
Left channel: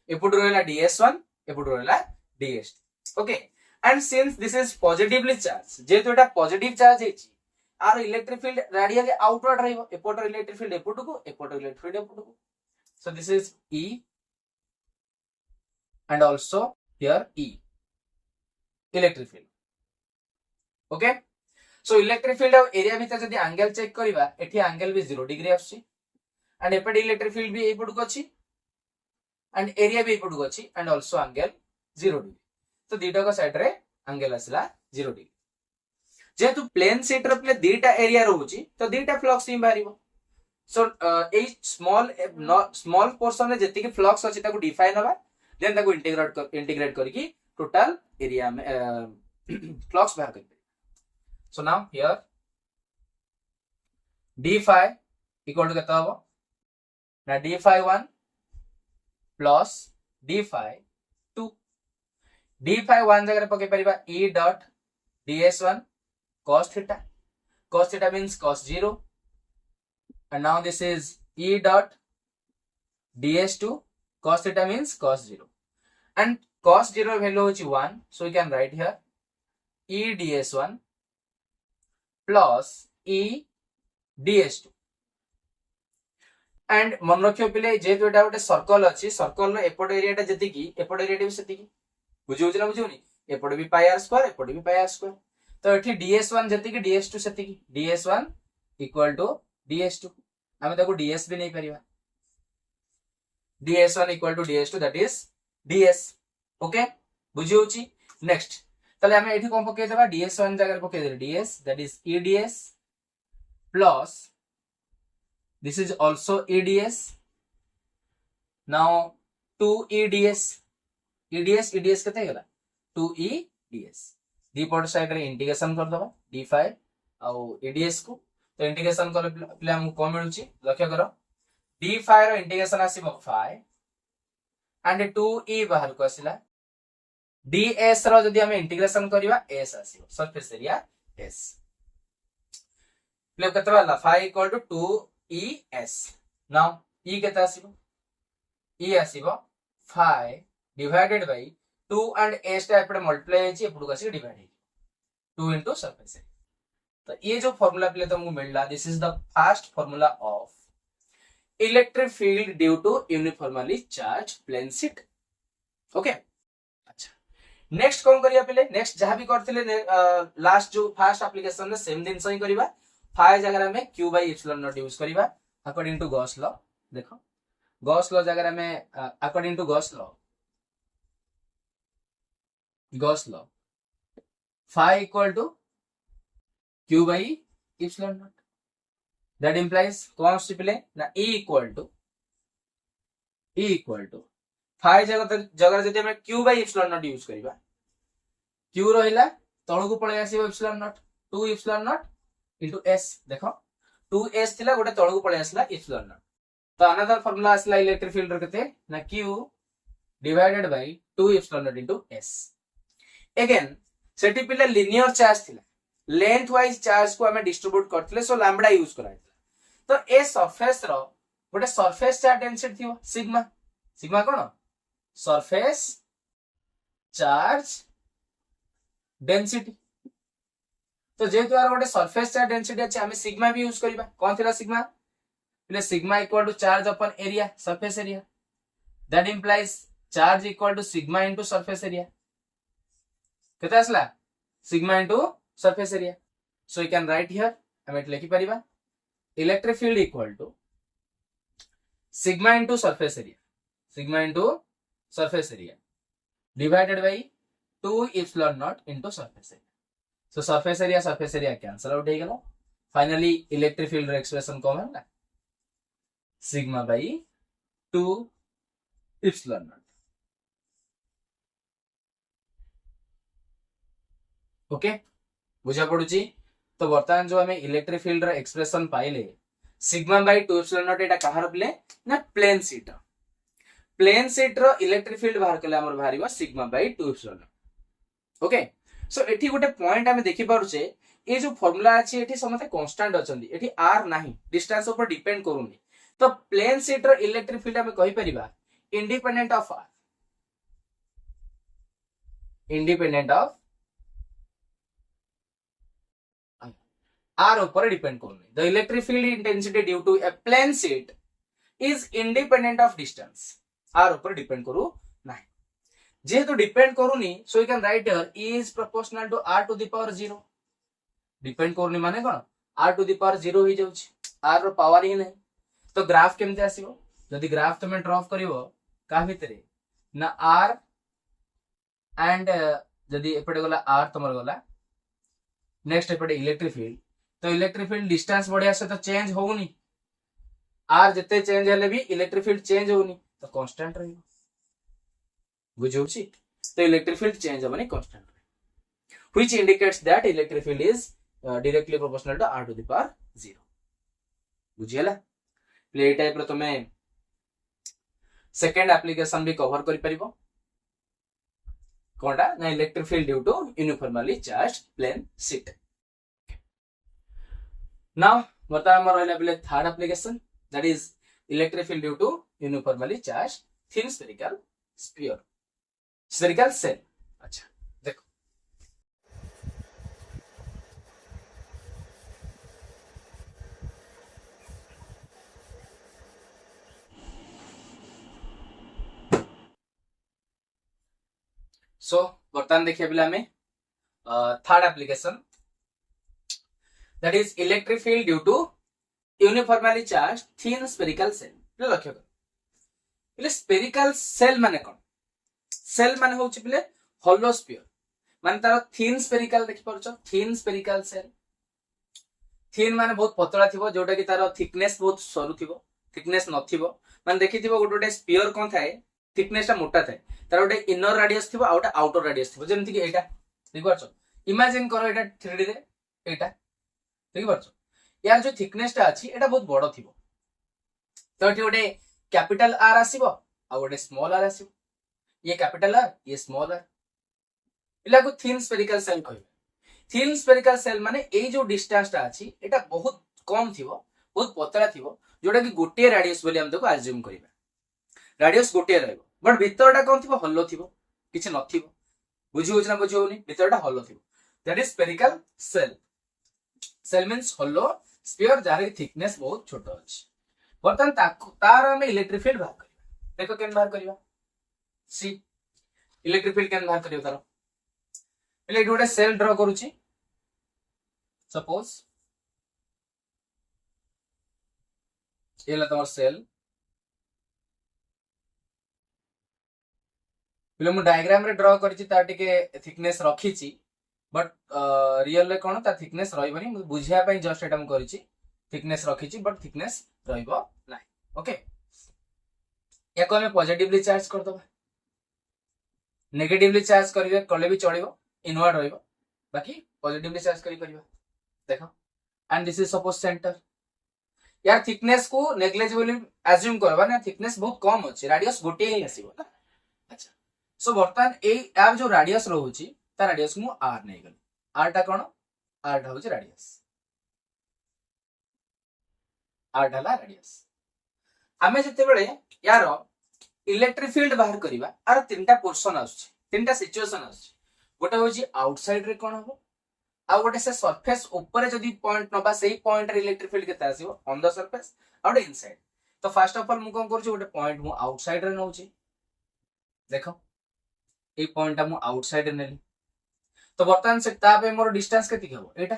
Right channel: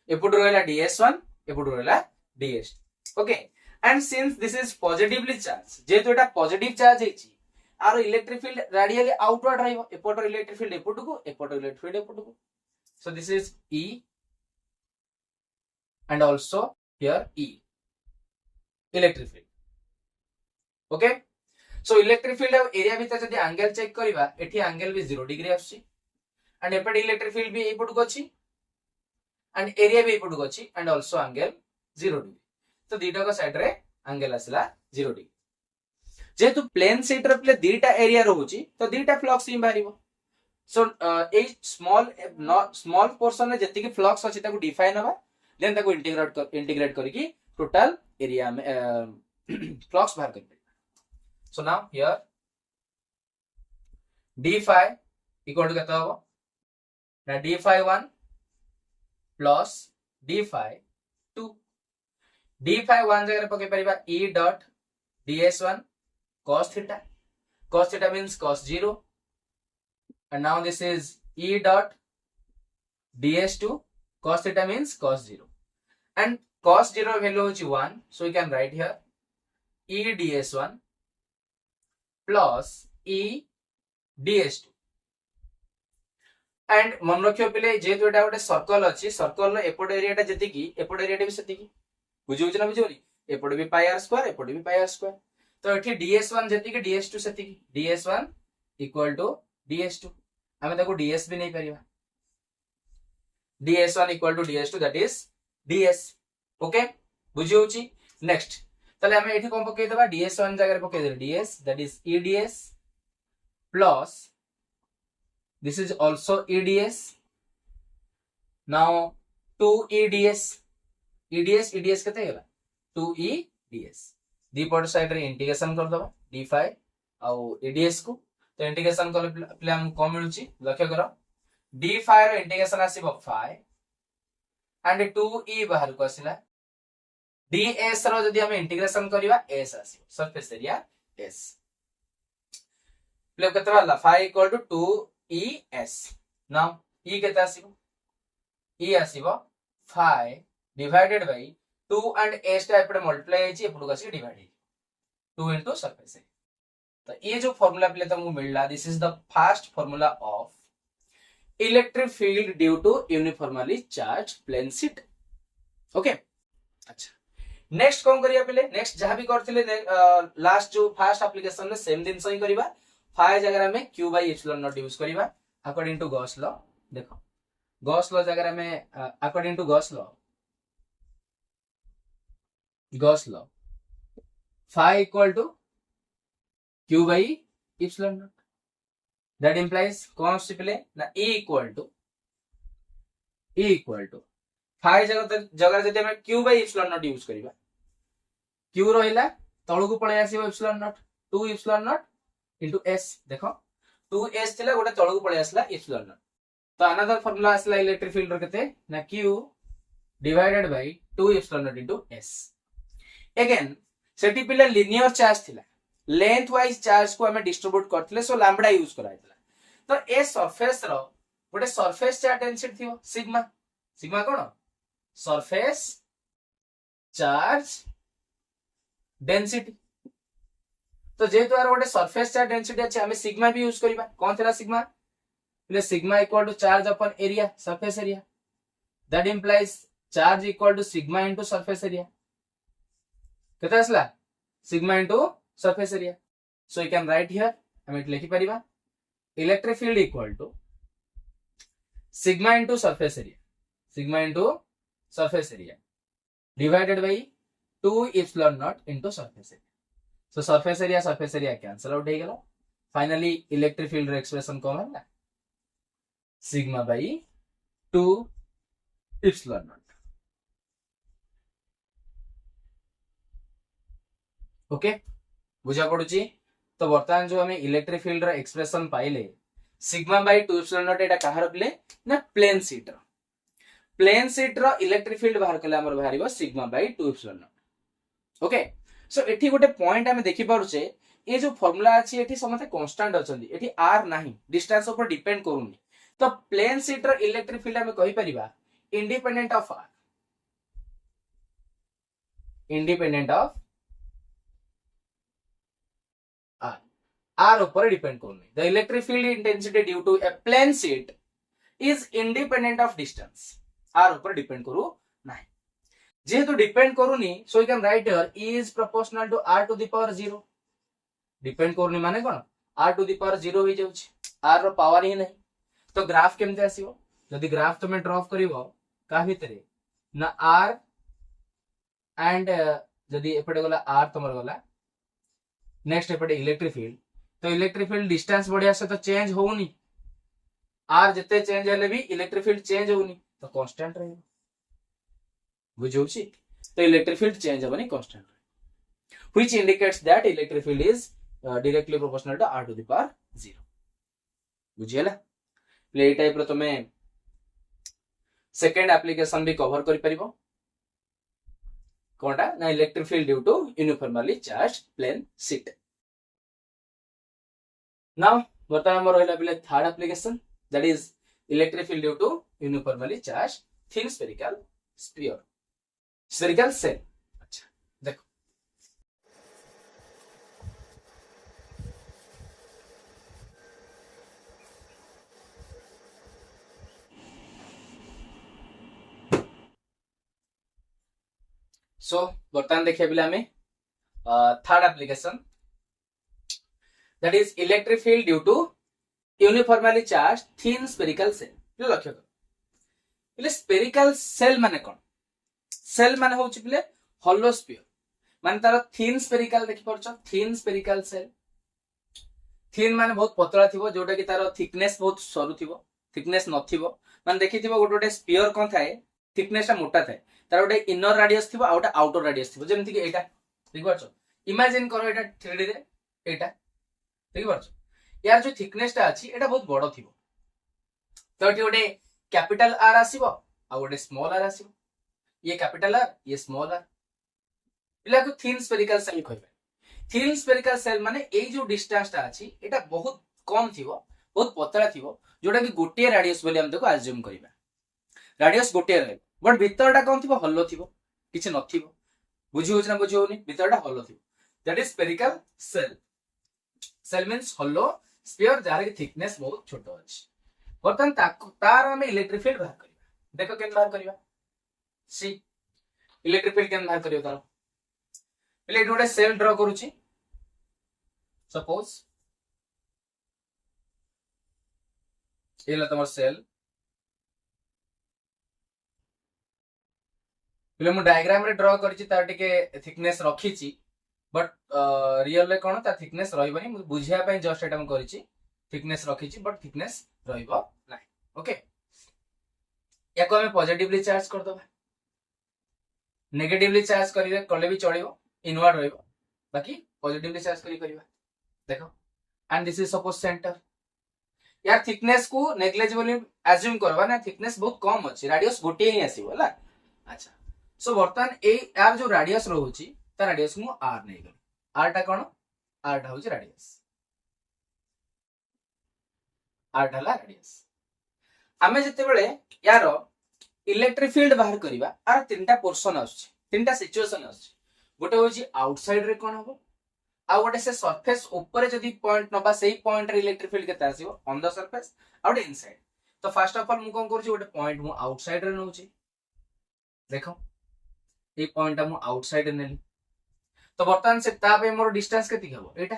एपोट रहला ds1 एपोट रहला ds2 okay and since this is positively charged जेतो एटा पॉजिटिव चार्ज हेछि आर इलेक्ट्रिक फील्ड रेडियली आउटवर्ड रहइबो एपोट इलेक्ट्रिक फील्ड एपोट को एपोट इलेक्ट्रिक फील्ड एपोट को so this is e and also here e electric field okay so electric field of area भीतर जदी एंगल चेक करबा एठी एंगल भी 0 डिग्री आछि एंड एपट इलेक्ट्रिक फील्ड भी एपट को अछि एंड एरिया भी एपट को अछि एंड आल्सो एंगल 0 डिग्री तो दीटा को साइड रे एंगल आसला 0 डिग्री जेतु प्लेन शीट रे प्ले दीटा एरिया रहउची तो दीटा फ्लक्स ही बारिबो सो ए स्मॉल पोर्शन रे जति की फ्लक्स अछि ताको डिफाइन हबा देन ताको इंटीग्रेट करके टोटल एरिया में फ्लक्स बाहर कर so now here d phi equal to केता हो ना d phi 1 plus d phi 2 d phi 1 जगह पके परिबा e dot ds1 cos theta means cos 0 and now this is e dot ds2 cos theta means cos 0 and cos 0 value is 1 so we can write here e ds1 plus e ds2 and मन रखियो पिले जेतु एटा गोटे circle अछि circle रो एपोड area टा जति की एपोड area टा भी सेति की बुझि होछ ना बुझियोनी एपोड भी पाई r स्क्वायर एपोड भी पाई r स्क्वायर तो एठी ds1 जति की ds2 सेति की ds1 इक्वल टू ds2 हमें ताको ds भी नहीं परिबा ds1 equal to ds2 that is ds okay बुझी होची नेक्स्ट तले हमें एठी कोन पके देबा ds1 जगह पके दे ds that is eds plus this is also eds now 2eds eds केते गेला 2eds दीपट साइड रे इंटीग्रेशन कर दबा d phi आ eds को तो इंटीग्रेशन करले प्ले हम को मिलुची लक्ष्य करो d phi रो इंटीग्रेशन आसीबो phi एंड 2e बाहर को आसिला ds रो जदी हम इंटीग्रेशन करिवा s आसीबो सरफेस एरिया s प्ले केतरा ला phi equal to 2es now e केता आसीबो e आसीबो phi divided by 2 and s टा एपडे मल्टीप्लाई हेची एपडो को आसी डिवाइड हे 2 इनटू सरफेस एरिया तो ये जो फार्मूला प्ले तुमको मिलला this is the first formula of electric field due to uniformly charge plane sheet okay अच्छा नेक्स्ट कोन करिया पले नेक्स्ट जहां भी करथिले लास्ट जो फर्स्ट एप्लीकेशन में सेम दिन सही करबा फाई जगह में q bye epsilon naught use करबा अकॉर्डिंग टू गॉस लॉ देखो गॉस लॉ जगह में according to Gauss law phi equal to q bye epsilon naught that implies कौन सी प्ले ना e equal to phi जगह जदि हम q by epsilon naught use करबा q रहिला तळु को पळे आसीबो epsilon naught 2 epsilon naught into s देखो 2s थिला गोटे तळु को पळे आसला epsilon naught तो अनदर फार्मूला आसला इलेक्ट्रिक फील्ड रो केते ना q divided by 2 epsilon naught into s again सेठी पिला लिनियर चार्ज थिला लेंथ वाइज चार्ज को हमें डिस्ट्रीब्यूट करथिले सो लैम्बडा यूज कराइतला तो ए सरफेस रो गोटे सरफेस चार्ज डेंसिटी थिबो सिग्मा सिग्मा कोन सरफेस चार्ज डेंसिटी तो जेहेतु यार गोटे सरफेस चार्ज डेंसिटी अच्छे आम सिग्मा भी यूज करवा कौन थी sigma sigma equal to charge अपन area surface area that implies charge equal to sigma into surface area केते आसला sigma into surface area so you can write here हम एट लिखि परिबा electric field equal to sigma into surface area divided by 2 epsilon naught into surface area so surface area cancel out हो गेलो finally electric field रो expression कौन है sigma by 2 epsilon naught okay बुझा पड़ुची तो बर्तमान जो हमें इलेक्ट्रिक फील्ड रो एक्सप्रेशन पाइले सिग्मा बाय 2 एप्सिलॉन नॉट एटा कहार प्ले ना प्लेन शीट रो इलेक्ट्रिक फील्ड बाहर कले हमर बाहरिबो sigma by 2 epsilon naught okay so एठी गोटे पॉइंट हमें देखि पारुचे ए जो फार्मूला अछि एठी समते कांस्टेंट अछंदी एठी r नाही डिस्टेंस ऊपर डिपेंड करूनी तो प्लेन शीट रो इलेक्ट्रिक फील्ड हमें कहि परिबा इंडिपेंडेंट ऑफ r ऊपर डिपेंड करूनी the electric field intensity due to a plane sheet is independent of distance r ऊपर डिपेंड करू नाही जेहेतु डिपेंड करूनी so you can write here E is proportional to r to the power 0 depend करूनी माने कोन r to the power 0 हो जाउछ r रो power ही नहीं तो ग्राफ केमते आसीबो जदी ग्राफ तुम ड्रॉ करिवो का भितरे ना r एंड जदी एपटे गला r तमर गला नेक्स्ट एपटे इलेक्ट्रिक फील्ड तो इलेक्ट्रिक फील्ड डिस्टेंस बढ़िया से तो चेंज होउनी r जते चेंज हेले भी इलेक्ट्रिक फील्ड चेंज होउनी तो कांस्टेंट रहइबो बुझौछि तो इलेक्ट्रिक फील्ड चेंज होबनी constant which indicates that electric field is directly proportional to r to the power 0 बुझियला प्ले टाइप रो तमे सेकंड एप्लीकेशन भी कवर करि परिबो कोनटा ना electric field due to uniformly charged plane sheet now बता हमर रहला प्ले third application that is electric field due to uniformly charged thin spherical shell अच्छा देखो सो बर्तमान देखिए पिला में third application that is electric field due to uniformly charged thin spherical shell लक्ष्य कर स्फेरिकल सेल माने कोन सेल माने होछि पिले होलो स्फीयर माने तार थिन स्फेरिकल देखि परछ थिन स्फेरिकल सेल थिन माने बहुत पतला थिबो जोटा कि तार थिकनेस बहुत सरू थिबो थिकनेस नथिबो माने देखिथिबो गोटे स्फीयर कोन थाए थिकनेस ता मोटा थाए तार गोटे इनर रेडियस थिबो आउटा आउटर रेडियस थिबो जेमति कि एटा ठीक परछ इमेजिन करो एटा 3D रे एटा ठीक परछ यार जो थिकनेस ता अछि एटा बहुत बडो थिबो तो एटी गोटे कैपिटल R आसीबो आ गोटे स्मॉल r आसीबो ये कैपिटल R ये स्मॉल r इला को थिन स्फेरिकल सेल कहबे थिन स्फेरिकल सेल माने ए जो डिस्टेंस ता अछि एटा बहुत कम थिबो बहुत पतला थिबो जोटा कि गोटे रेडियस बोली हम देखो अज्यूम करिबा रेडियस गोटे रहबो बट भीतरटा कोन थिबो हल्लो थिबो किछ नथिबो बुझी होछ ना बुझी होनी भीतरटा हल्लो थिबो that is spherical shell means hollow sphere जार की थिकनेस बहुत छोटो अछि बर्तन तार हम इलेक्ट्रिक फील्ड बाहर करिबा देखो केन बाहर करिबा सी इलेक्ट्रिक फील्ड केन बाहर करियो तार पहले गोटे सेल ड्रॉ करूची सपोज एला तमर सेल पहले मु डायग्राम रे ड्रॉ करची ता टिके थिकनेस रखीची बट रियल ले कोन ता थिकनेस रहइबनी मु बुझिया पई जस्ट एटा मु करची थिकनेस रखीची बट थिकनेस रहइबो नाही ओके याको हमें पॉजिटिवली चार्ज कर दबा नेगेटिवली चार्ज करिवे कले भी चलिबो इनवर्ड रहइबो बाकी पॉजिटिवली चार्ज करी करबा देखो and this is suppose centre यार थिकनेस को नेग्लिजिबली अज्यूम करबा ना थिकनेस बहुत कम अछि रेडियस गोटे ही आसीबो ला अच्छा सो बर्तमान ए यार जो रेडियस रहउची ता रेडियस मु r नै गल r टा कोन r टा होची रेडियस r ढाला रेडियस हमें जते बेले यार इलेक्ट्रिक फील्ड बाहर करबा आर तीनटा पोर्शन आछी तीनटा सिचुएशन आछी गोटे होची आउटसाइड रे कोन हबो आ गोटे से सरफेस ऊपर जदी पॉइंट नबा सेही पॉइंट रे इलेक्ट्रिक फील्ड केते आसीबो ऑन द सरफेस आ गोटे इनसाइड तो फर्स्ट ऑफ ऑल मु कोन करछि गोटे पॉइंट मु आउटसाइड रे नउछि देखो ए पॉइंट मु आउटसाइड रे नेली तो बर्तमान से ता पे मोर डिस्टेंस केति हबो एटा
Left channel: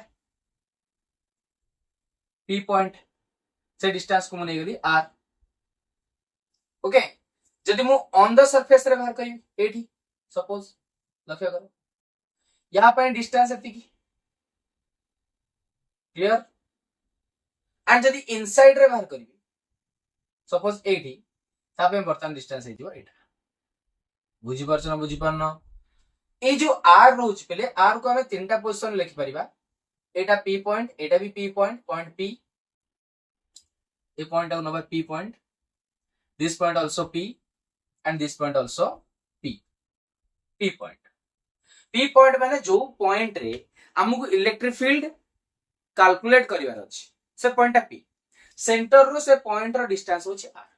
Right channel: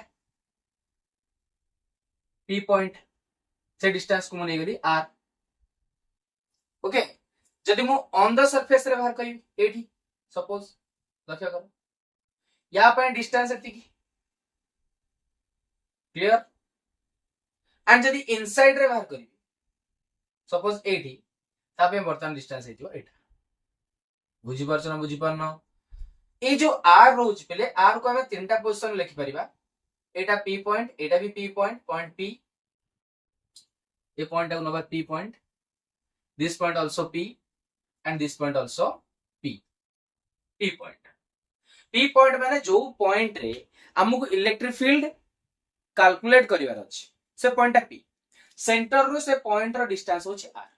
पी पॉइंट से डिस्टेंस को मु नै गेली आर ओके जदी मु ऑन द सरफेस रे बाहर करी एठी सपोज लक्ष्य करो या पे डिस्टेंस एति की क्लियर एंड जदी इनसाइड रे बाहर करी सपोज एठी ता पे बर्तमान डिस्टेंस हेतिबो एटा बुझी परछ ना बुझी परनो ए जो आर रोज पहले आर को हमें तीनटा पोजीशन लिखि परिबा एटा पी पॉइंट एटा भी पी पॉइंट पॉइंट पी ए पॉइंट नबा P point this point also P and this point also P P point माने जो पॉइंट रे हमको इलेक्ट्रिक फील्ड कैलकुलेट करिवार अछि से पॉइंट पी सेंटर रो से पॉइंट रो डिस्टेंस होछि आर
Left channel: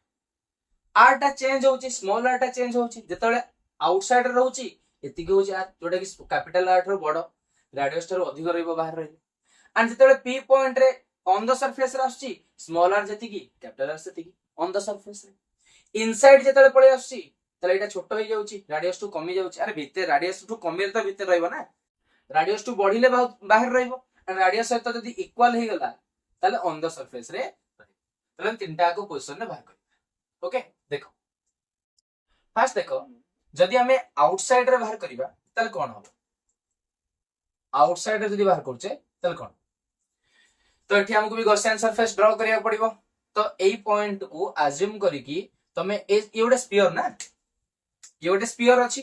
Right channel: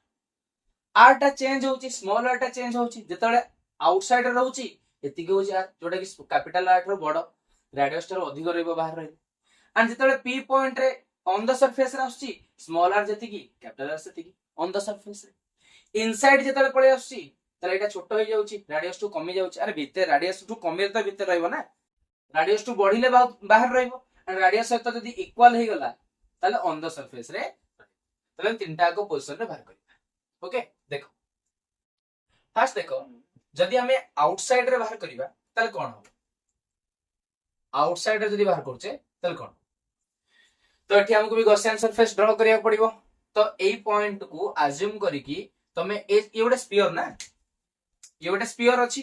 आर टा चेंज होछि स्मॉल आर टा चेंज होछि जेतले आउटसाइड रहउछि एतिके होछि आर जोटा कि कैपिटल आर रो बड़ रेडियस रो अधिक रहइबो बाहर रहइबो एंड जेतले पी पॉइंट रे ऑन द सरफेस रे आछि स्मॉल आर जेतिकी कैपिटल आर सेतिकी ऑन द सरफेस रे इनसाइड जेतले पळे आछि तले एटा छोट होई जाउछि रेडियस टू कमी जाउछि अरे भितर रेडियस टू कमी त भितर रहइबो ना रेडियस टू बढ़िले बाहर रहइबो एंड रेडियस सहित जदी इक्वल हे गला तले ऑन द सरफेस रे तले तीनटा को पोजीशन रे बाहर करिबा ओके देखो फर्स्ट देखो जदी हमें आउटसाइड रे बाहर करिबा तले कोन हो आउटसाइड रे जदी बाहर करछे तले कोन तो एठी हमको भी गॉसियन सरफेस ड्रा करिया पड़िबो तो एई पॉइंट को अज्यूम करी कि तमे ए गोटे स्फीयर ना ये गोटे स्फीयर अछि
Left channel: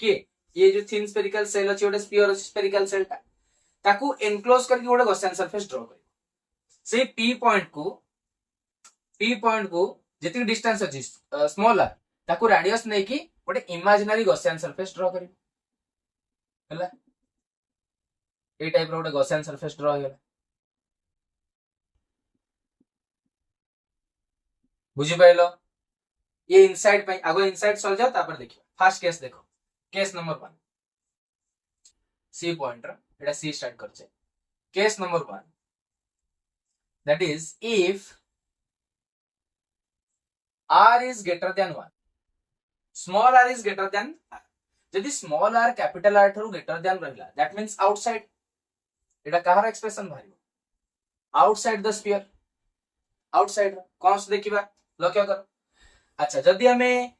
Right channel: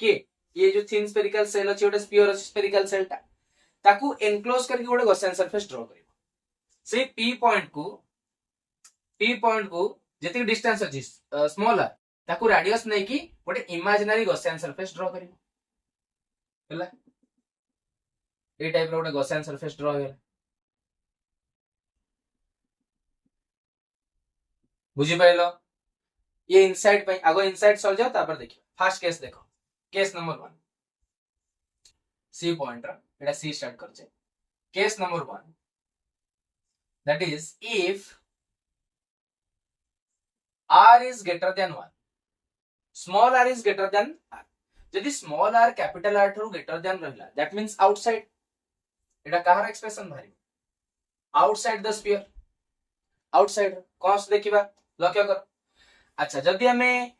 के ये जो थिन स्फेरिकल सेल अछि गोटे स्फीयर अछि स्फेरिकल सेल ता ताकू एनक्लोज करके गोटे गॉसियन सरफेस ड्रा करिबो से पी पॉइंट को जेति डिस्टेंस अछि स्मॉल आर ताकू रेडियस नै कि गोटे इमेजिनरी गॉसियन सरफेस ड्रा करिबो हला ए टाइप रो गोटे गॉसियन सरफेस ड्रा होयला बुझी पाइलो ये इनसाइड पे आगो इनसाइड सॉल्व जाओ तापर देखियो फर्स्ट केस देखो केस नंबर 1 सी पॉइंट एटा सी स्टार्ट करछे case number 1 that is if r is greater than 1 small r is greater than r यदि स्मॉल r कैपिटल r ठरो ग्रेटर देन रहला दैट मींस आउटसाइड एटा कहार expression भारी outside the sphere outside cause देखिबा लक्ष्य कर अच्छा जदी हमें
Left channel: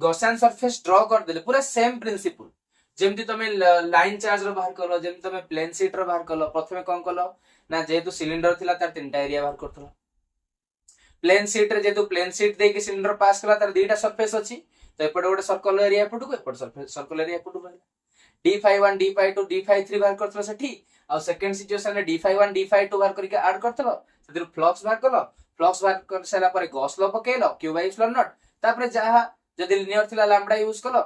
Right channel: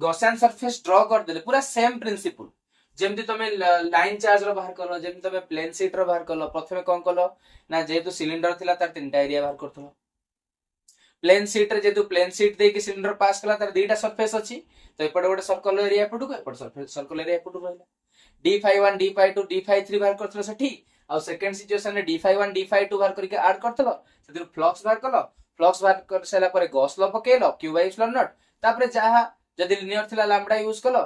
गॉसियन सरफेस ड्रा कर देले पूरा सेम प्रिंसिपल जेमति तमे लाइन चार्ज रो बाहर करलो जेमति तमे प्लेन शीट रो बाहर करलो प्रथमे कोन करलो ना जेतु सिलिंडर थिला तार तीनटा एरिया बाहर करथलो प्लेन शीट रे जेतु प्लेन शीट दे के सिलिंडर पास कला तार दुईटा सरफेस अछि तो एपटे गोटे सर्कल एरिया एपटु को एपट सरफेस सर्कल एरिया एपटु रहला d51 d52 d53 बाहर करथलो सेठी आ सेकंड सिचुएशन रे d51 d52 बाहर करके ऐड करथलो सेतिर फ्लक्स बाहर करलो फ्लक्स बाहर कर सला पर गॉस लॉ पकेलो q बाय एप्सिलॉन नॉट तापर जहा जदी लिनियर थिला लैम्बडा यूज कलो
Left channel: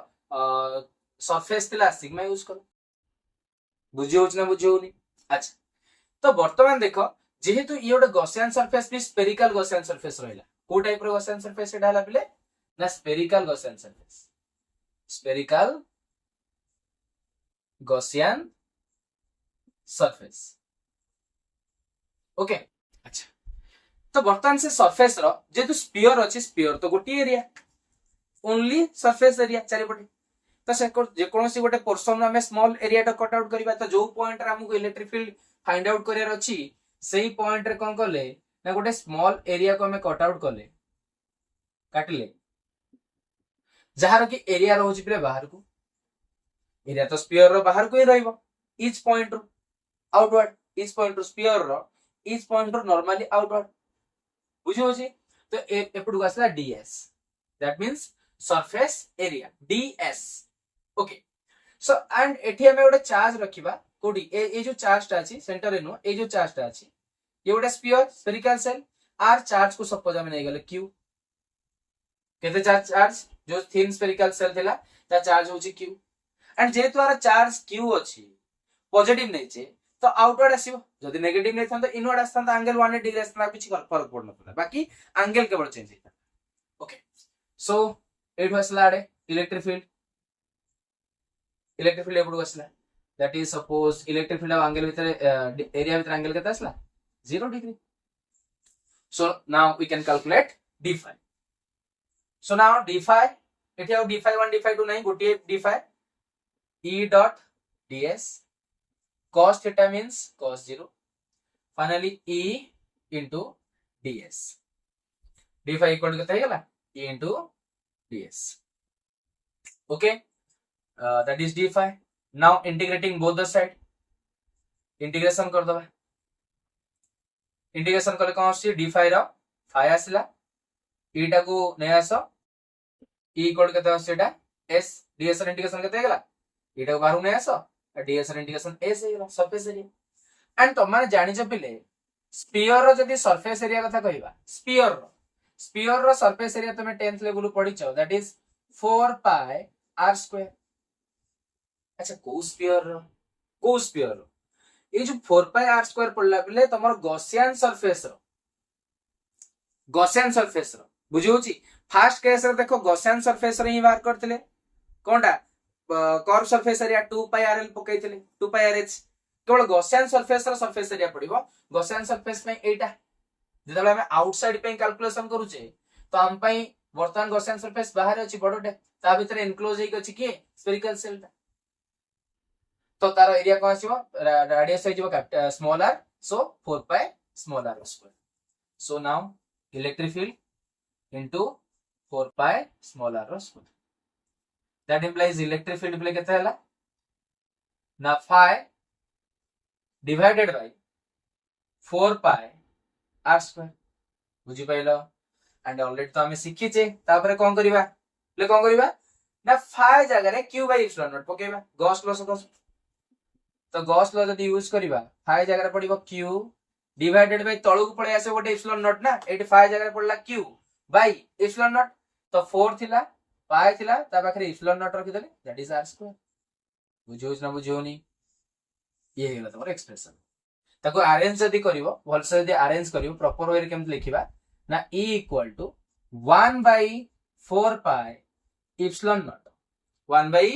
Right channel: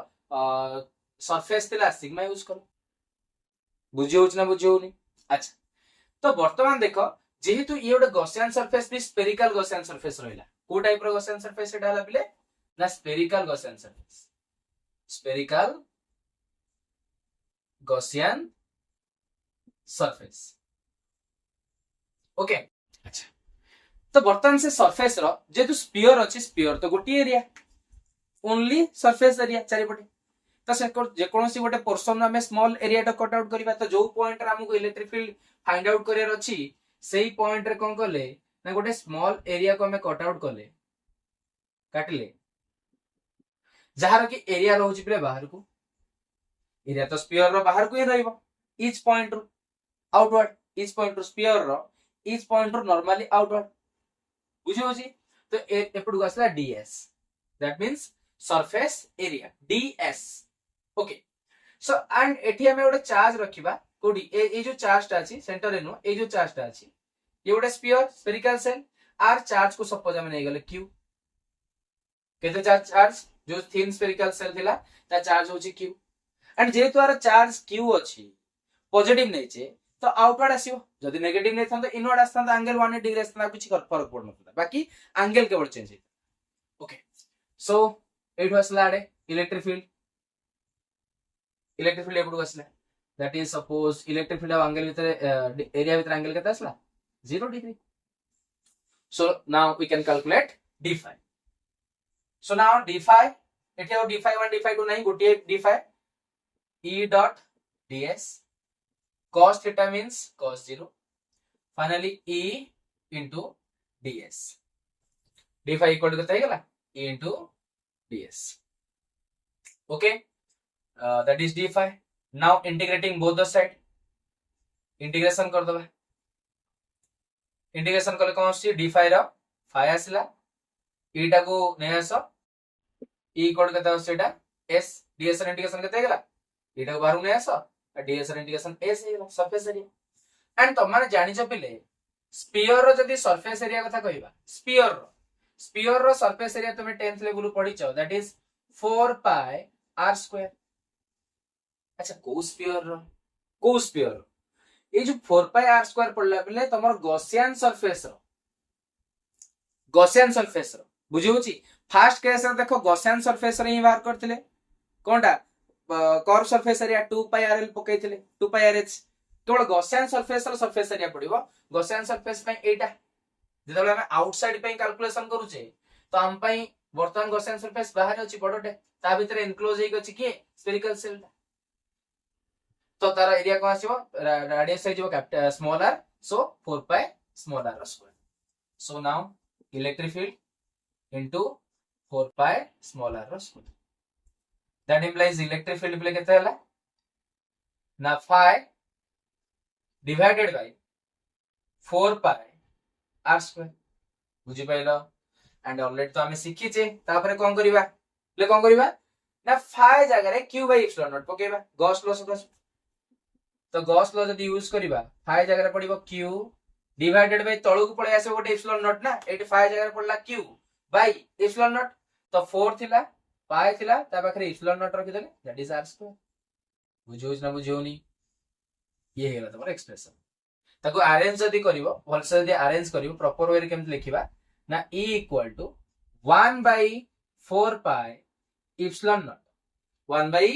सरफेस थिला सिग्मा यूज कलो बुझी होछ ना बुझी होनी अच्छा तो वर्तमान देखो जेहेतु ये गोटे गॉसियन सरफेस भी स्फेरिकल गॉसियन सरफेस रहला को टाइप रो गॉसियन सरफेस एटा हला बिले ना spherical Gaussian surface spherical Gaussian surface okay अच्छा तो वर्तमान से सरफेस रो जेतु स्फीयर अछि स्फीयर तो गोटी एरिया ओनली सरफेस एरिया चारिपटे तो से जे कोनोसी गोटे पोर्शन में स्मॉल एरिया टा कट आउट करिबा तो जो पॉइंट रे हमको electric field find out career अछि सेही पॉइंट रे कोन करले ना गोटे स्मॉल एरिया को हमें कट आउट करले काटले जहार की एरिया रहउछि प्ले बाहर को एरिया तो स्फीयर रो बाहर को ही रहइबो ईच पॉइंट रो आउटवर्ड ईच पॉइंट रो स्फीयर रो ईच पॉइंट रो नॉर्मली आउटवर्ड बुझी होछि तो एपडु आसला ds that means surface area ds okay so and एठी हमें गोटे चार्ज रखिबा कोडी ए जो चार्ज टा अछि सेंटर रे नो ए जो चार्ज टा अछि ये गोटे स्फीयर स्फेरिकल सेल आर चार्ज को सपोज हम नै गेले q केते चार्ज जो थिन स्फेरिकल सेल थिला ता चार्ज होछि q एंड जेतु आर चार्ज q अछि पॉजिटिव नै छे तो आउटवर्ड आसीबो जदी नेगेटिव नै थान तो इनवर्ड आस्तान एंगल 180 डिग्री आस्तान कुछ फरक पड़ नथला बाकी एंगल केवल चेंज हेता ओके सो एठो आसला आडे इलेक्ट्रिक फील्ड एपडु आसला that is suppose electric field of angle with area with angle kete asla 0 degree. So now we can calculate d phi. So now d phi एठी और d phi 1 d phi 2 नहीं गोटे d phi e dot ds cos theta means cos 0 finally e into ds d phi equal to kete हेगला e into ds. Okay, that is d phi. Now integrating both the side integration कर दबा integration कले कौन आसी d phi रो phi आसिला e टा को नै आसो e equal कते आसी एटा s ds ର इंटीग्रेशन कते हेगला e टा को बाहर नै आसो ds ର इंटीग्रेशन s हेगला सरफेस एरिया एंड तुम माने जानि छ पिले स्फीयर रो जदी सरफेस एरिया कथा कहिबा स्फीयर रो सरफेस एरिया तुमे 10th लेवल पढि छ that is 4 pi r square. अच्छा को स्फीयर रो ये जो 4 pi r square पड़ला बेले तमर गॉसियन सरफेस रो बुझियोची फर्स्ट केस रे देखो गॉसियन सरफेस रे ही बाहर करथिले कोनटा curve surface area 2 pi rl पकैथिले 2 pi rh केवल गॉसियन सरफेस रो सरफेस एरिया पड़िबो गॉसियन सरफेस पे एटा जेतले हम आउटसाइड पे कैलकुलेशन करूचे तो हम पई वर्तमान गॉसियन सरफेस बाहर अछि बडोटे ता भीतर एनक्लोज हेक अछि कि स्फेरिकल सेल तो तार एरिया कोन आसीबो रेडियस आइजबो capital small r so 4 pi small r square. So now electric field into 4 pi small r square that implies electric field प्ले केते हला ना phi divided by 4 pi r square बुझी पाइलो एंड ऑलरेडी तो हमें सिखी छे तापरे कोन करबा ले कोन करबा ना phi जगह रे q by epsilon नॉट पकेबा गॉस लॉ सपोज तो गॉस लॉ जदी यूज करबा phi जगह रे पडिबो q डिवाइडेड बाय तळु को पळे आसे गोटे epsilon नॉट ना एटी phi जगह पडला q by epsilon नॉट तो 4 थिला pi थिला ता पाखरे epsilon नॉट रखि देले दैट इज r स्क्वायर बुझोस ना बुझोनी ये हेला तमर एक्सप्रेशन ताको अरेंज जदी करिवो भलसे जदी अरेंज करिवो प्रॉपर वे रे केमत लिखिबा ना e equal to 1 by 4 pi epsilon naught 1 by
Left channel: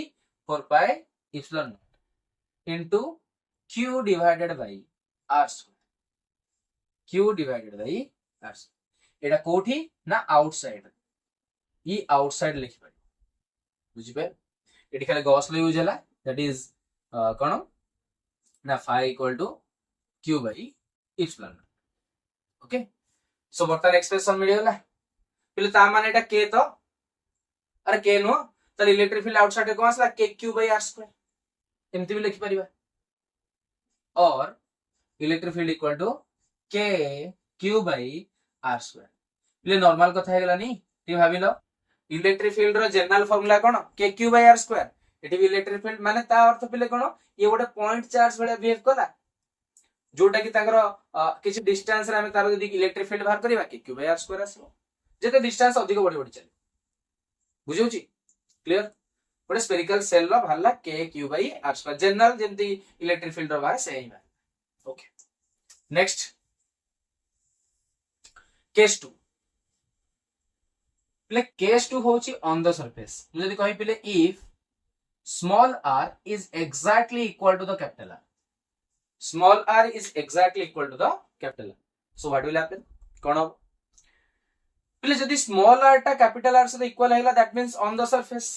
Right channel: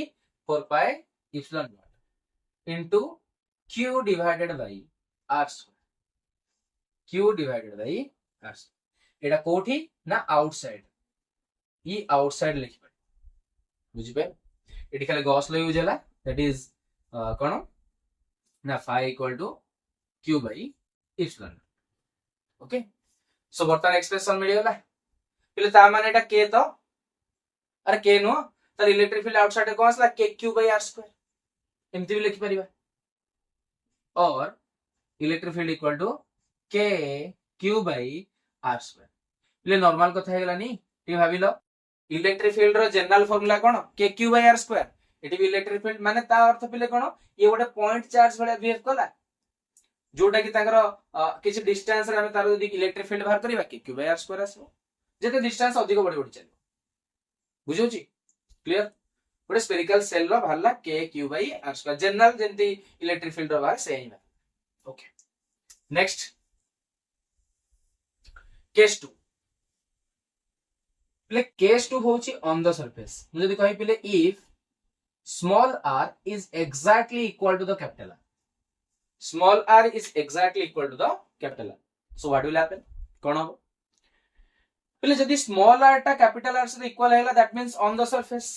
4 pi epsilon naught into q divided by r square q divided by r square एटा कोठी ना आउटसाइड ई आउटसाइड लिखि पाइ बुझि पे एटी खाली गॉस लॉ यूज हला that is कोन ना phi equal to q by epsilon naught. Okay so बर्तन expression मिल गला पहिले ता माने एटा k तो अरे k नो तो इलेक्ट्रिक फील्ड आउटसाइड को आसला k q by r square एमती भी लिखि परिबा और electric field equal to k q by r square पहिले नॉर्मल कथा हेगला नी ती भाबिलो इलेक्ट्रिक फील्ड रो जनरल फार्मूला कोन k q by r square एटी भी इलेक्ट्रिक फील्ड माने ता अर्थ पहिले कोन ये गोटे पॉइंट चार्ज भले बिहेव कला जोटा कि ताकर किछ डिस्टेंस रे हम तार जदी इलेक्ट्रिक फील्ड बाहर करबा कि q by r स्क्वायर आसबो जेते डिस्टेंस अधिक बढी बढी चली बुझौची क्लियर गोटे स्फेरिकल सेल रो बाहरला k q by r square general जेंती इलेक्ट्रिक फील्ड रो बाहर सेही बा. ओके नेक्स्ट केस 2 पले केस 2 होची ऑन द सरफेस मु जदी कहि पले if small r is exactly equal to the capital R. Small r is exactly equal to the capital R. So what will happen? कौन हो? पहले जदी small r टा capital R से equal है that means on the surface.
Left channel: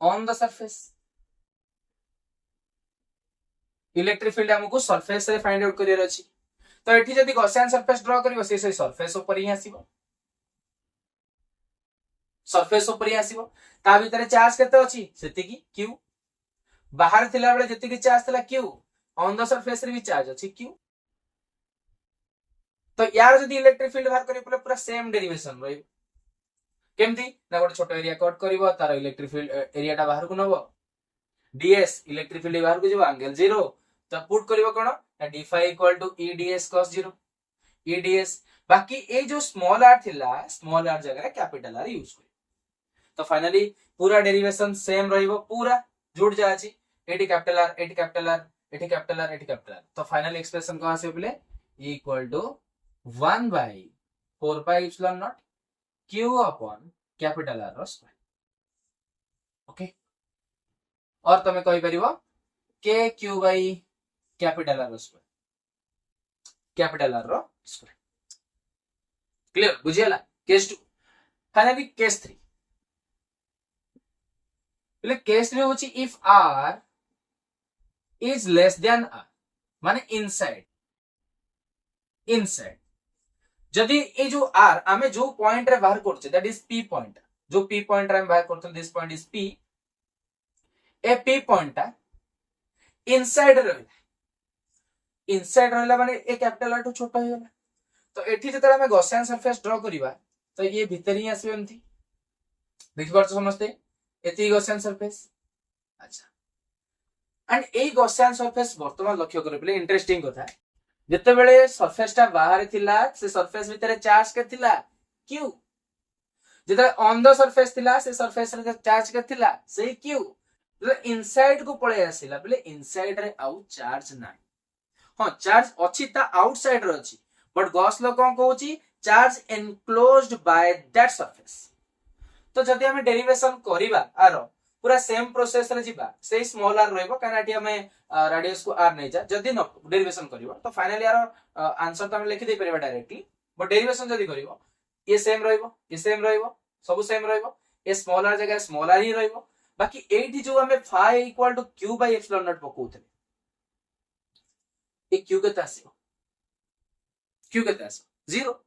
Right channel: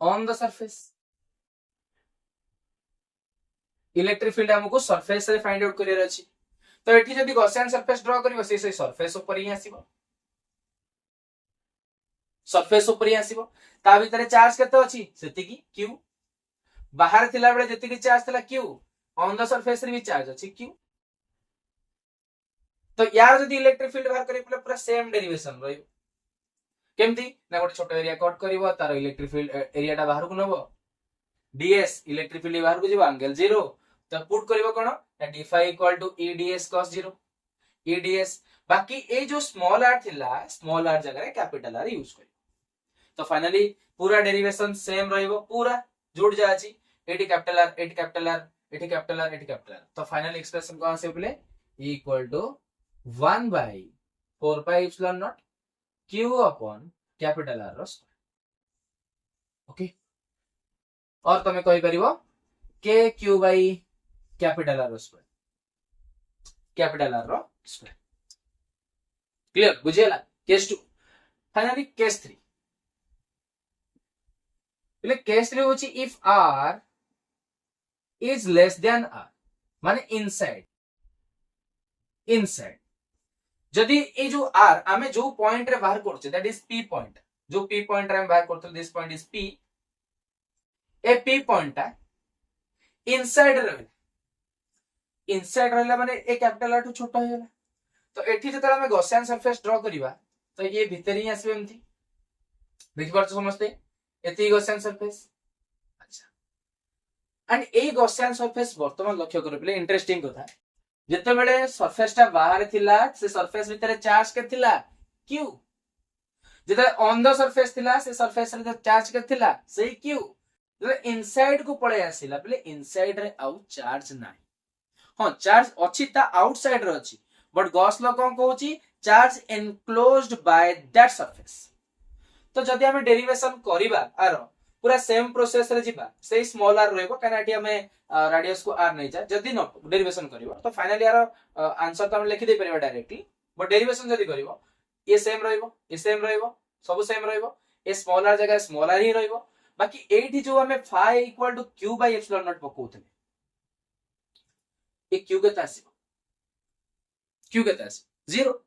On the surface. Electric field हमको surface से find out career अछि. तो एठी जदी Gaussian surface draw करिवो से surface ऊपर ही आसीबो. सरफेस ऊपर ही आसीबो ता भीतर चार्ज केते अछि सेति की q बाहर थिला बेले जति की चार्ज थिला q ऑन द सरफेस रे भी चार्ज अछि q तो यार जदी इलेक्ट्रिक फील्ड बाहर करी पूरा सेम डेरिवेशन रही केमती ना गोटे छोट एरिया कट करिवो तार इलेक्ट्रिक फील्ड एरिया टा बाहर को नबो ds इलेक्ट्रिक फील्ड बाहर को जेबो एंगल 0 तो पुट करिवो कोन d phi equal to e ds cos 0 e ds बाकी ए जो स्मॉल r थिला स्मॉल r जगह रे कैपिटल r यूज करी तो फाइनली पूरा डेरिवेशन सेम रहिबो पूरा जुड़ जाछि एटी कैपिटल r एटी कैपिटल r एटी कैपिटल r एटी कैपिटल r तो फाइनल एक्सप्रेशन कहां से बोले e equal to 1 by 4 pi epsilon naught q upon capital R square. Okay और तमे कहि परिबो के Q by capital R square, capital R रो स्क्वायर। क्लियर बुझियला केस 2। फाइनली केस 3 એટલે કેસ 3 होची if r is less than r माने इनसाइड इनसाइड जदि ए जो r आमे जो पॉइंट रे बाहर करछे दैट इज p पॉइंट, जो p पॉइंट रे हम बाहर करछे this point is p, A p point ता इनसाइड रहला, इनसाइड रहला माने ए कैपिटल r टू छोटा हो गेला। तो एठी जतरा हमें गॉसियन सरफेस ड्रॉ करिबा तो ये भीतर ही आसीबो एमथी, देखि पारछ समझते एती गॉसियन सरफेस। अच्छा एंड ए गॉसियन सरफेस वर्तमान लक्ष्य करे पले इंटरेस्टिंग कथा जते बेले सरफेस ता बाहर थिला से सरफेस भीतर चार्ज के थिला q, जते ऑन द सरफेस थिला से सरफेस रे चार्ज के थिला सेही q, जते इनसाइड को पळे आसिला पले इनसाइड रे आउ चार्ज नाही। हां चार्ज अछि ता आउटसाइड रे अछि बट गॉस लॉ कोन कहूची charge enclosed by that surface. तो जदि हमें डेरिवेशन करिबा आरो पूरा सेम प्रोसेस रे जिबा सेही स्मॉल r रहइबो कानाटी हमें रेडियस को r नै जा जदि न डेरिवेशन करिवो तो फाइनली यार आंसर तो हम लिखि दे परिबा डायरेक्टली, बट डेरिवेशन जदि करिवो ये सेम रहइबो ये सेम रहइबो सब सेम रहइबो ए स्मॉल r जगह स्मॉल r ही रहइबो। बाकी एठी जो हमें phi equal to q bye epsilon naught पकोउतले ए q केता आसीबो, q केता आसीबो 0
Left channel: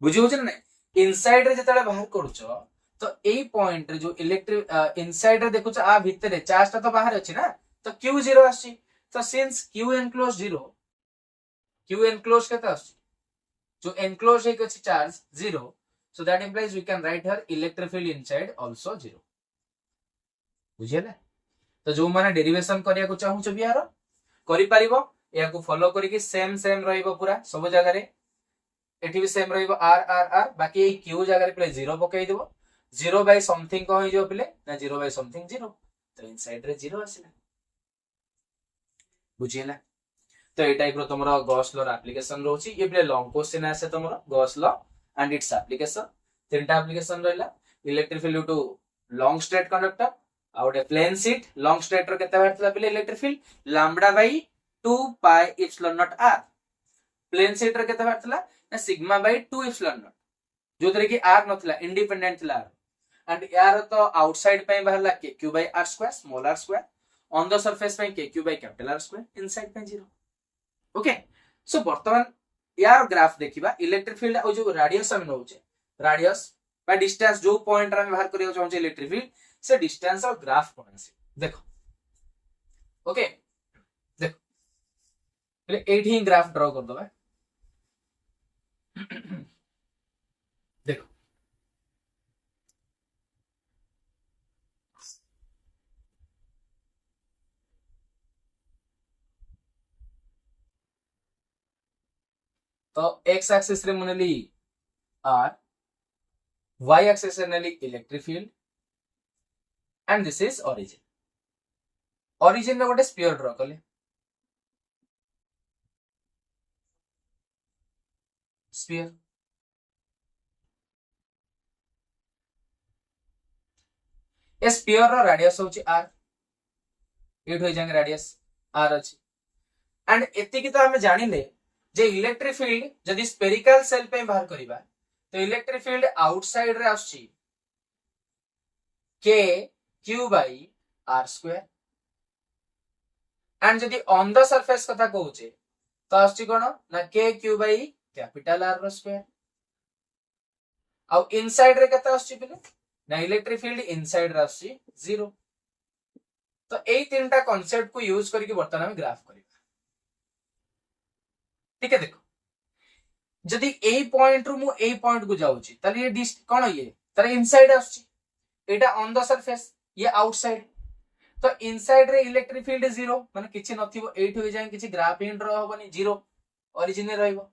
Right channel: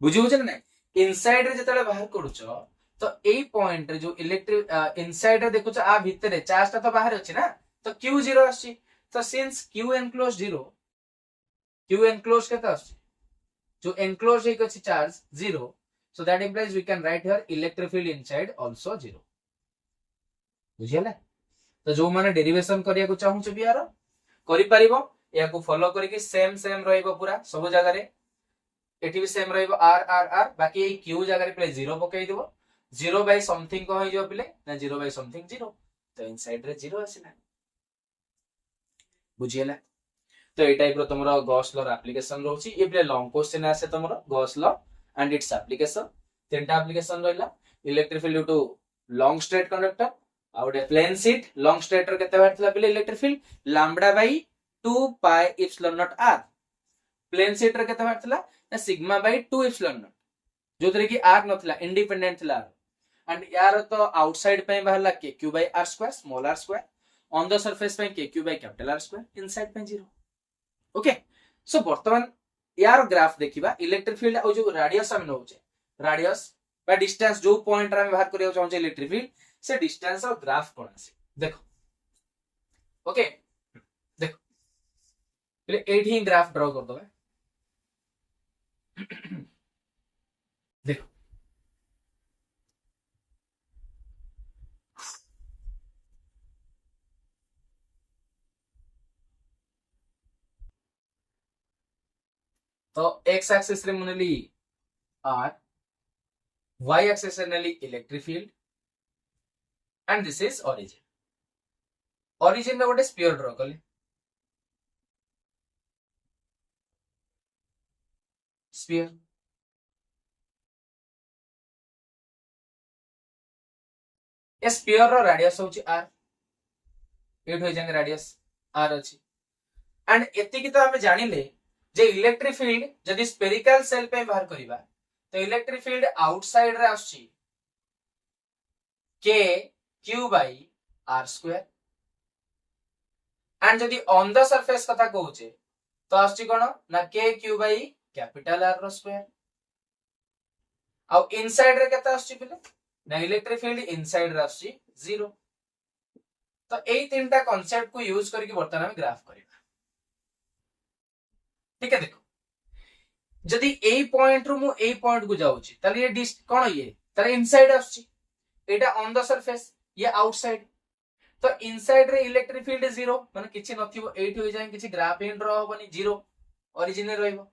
बुझियो छ नै। इनसाइड रे जतले बाहर करूछो तो ए पॉइंट रे जो इलेक्ट्रिक इनसाइड रे देखुछ आ भीतर चार्ज ता तो बाहर अछि ना तो q 0 आछि। तो since q enclose 0 q enclose केता आछि जो एनक्लोज एक अछि charge 0 so that implies we can write here electric field inside also 0 बुझियला। तो जो माने डेरिवेशन करिया को चाहू छ बियार करि परिबो या को फॉलो करी कि सेम सेम रहइबो पूरा सब जगह रे एठी भी सेम रहइबो r r r बाकी ए q जगह रे प्ले 0 पकई देबो 0 बाय समथिंग को होई जो प्ले ना 0 बाय समथिंग 0 तो इनसाइड रे 0 आसीला बुझियला। तो ए टाइप रो तमरो गॉस लॉ एप्लीकेशन रहउची ए प्ले लॉन्ग क्वेश्चन आसे तमरो Gauss law and its application तीनटा एप्लीकेशन रहला electric field due to long straight conductor आउट ए प्लेन शीट लॉन्ग स्ट्रेट रो केते बारतला प्ले electric field lambda by 2 pi epsilon naught r, plane sheet रो केते बारतला ना सिग्मा बाय 2 एप्सिलॉन नॉट जो तरे कि r नथला इंडिपेंडेंट थिला एंड यार तो आउटसाइड पे बाहरला के q बाय r square small r square on the surface पे के q बाय कैपिटल r स्क्वायर इनसाइड पे 0। ओके सो वर्तमान यार ग्राफ देखिबा इलेक्ट्रिक फील्ड ओ जो रेडियस हम नउचे रेडियस बाय डिस्टेंस जो पॉइंट रे हम बाहर करियो चाहू इलेक्ट्रिक फील्ड से डिस्टेंस और ग्राफ कोन आसी देखो। ओके देखो पहले एठी ही ग्राफ ड्रॉ कर दबा देखो तो x एक्सिस रे मुनेली r y एक्सिस रे नेली electric field and this is origin. Origin रे गोटे स्फीयर ड्रॉ कले स्फीयर ए स्फीयर रो रेडियस होची r एट हो जांगे रेडियस r अछि एंड एति की तो हम जानिले जे इलेक्ट्रिक फील्ड जदि स्फेरिकल सेल पे बाहर करिबा तो इलेक्ट्रिक फील्ड आउटसाइड रे आछि k q बाय r स्क्वायर एंड जदि ऑन द सरफेस कथा कहूचे तो आछि कोन ना k q बाय कैपिटल r रो स्क्वायर आ इनसाइड रे कथा आछि पले ना इलेक्ट्रिक फील्ड इनसाइड रे आछि 0। तो एई तीनटा कांसेप्ट को यूज करके वर्तमान में ग्राफ करिबा ठीक है। देखो जदि ए पॉइंट रु मु ए पॉइंट को जाउची तले ये डिस्ट कोन ये तले इनसाइड आछि एटा ऑन द सरफेस ये आउटसाइड तो इनसाइड रे इलेक्ट्रिक फील्ड 0 माने किछि नथिबो 8 हो जाय किछि ग्राफ इन ड्रॉ होबनी 0 ओरिजिन रे रहइबो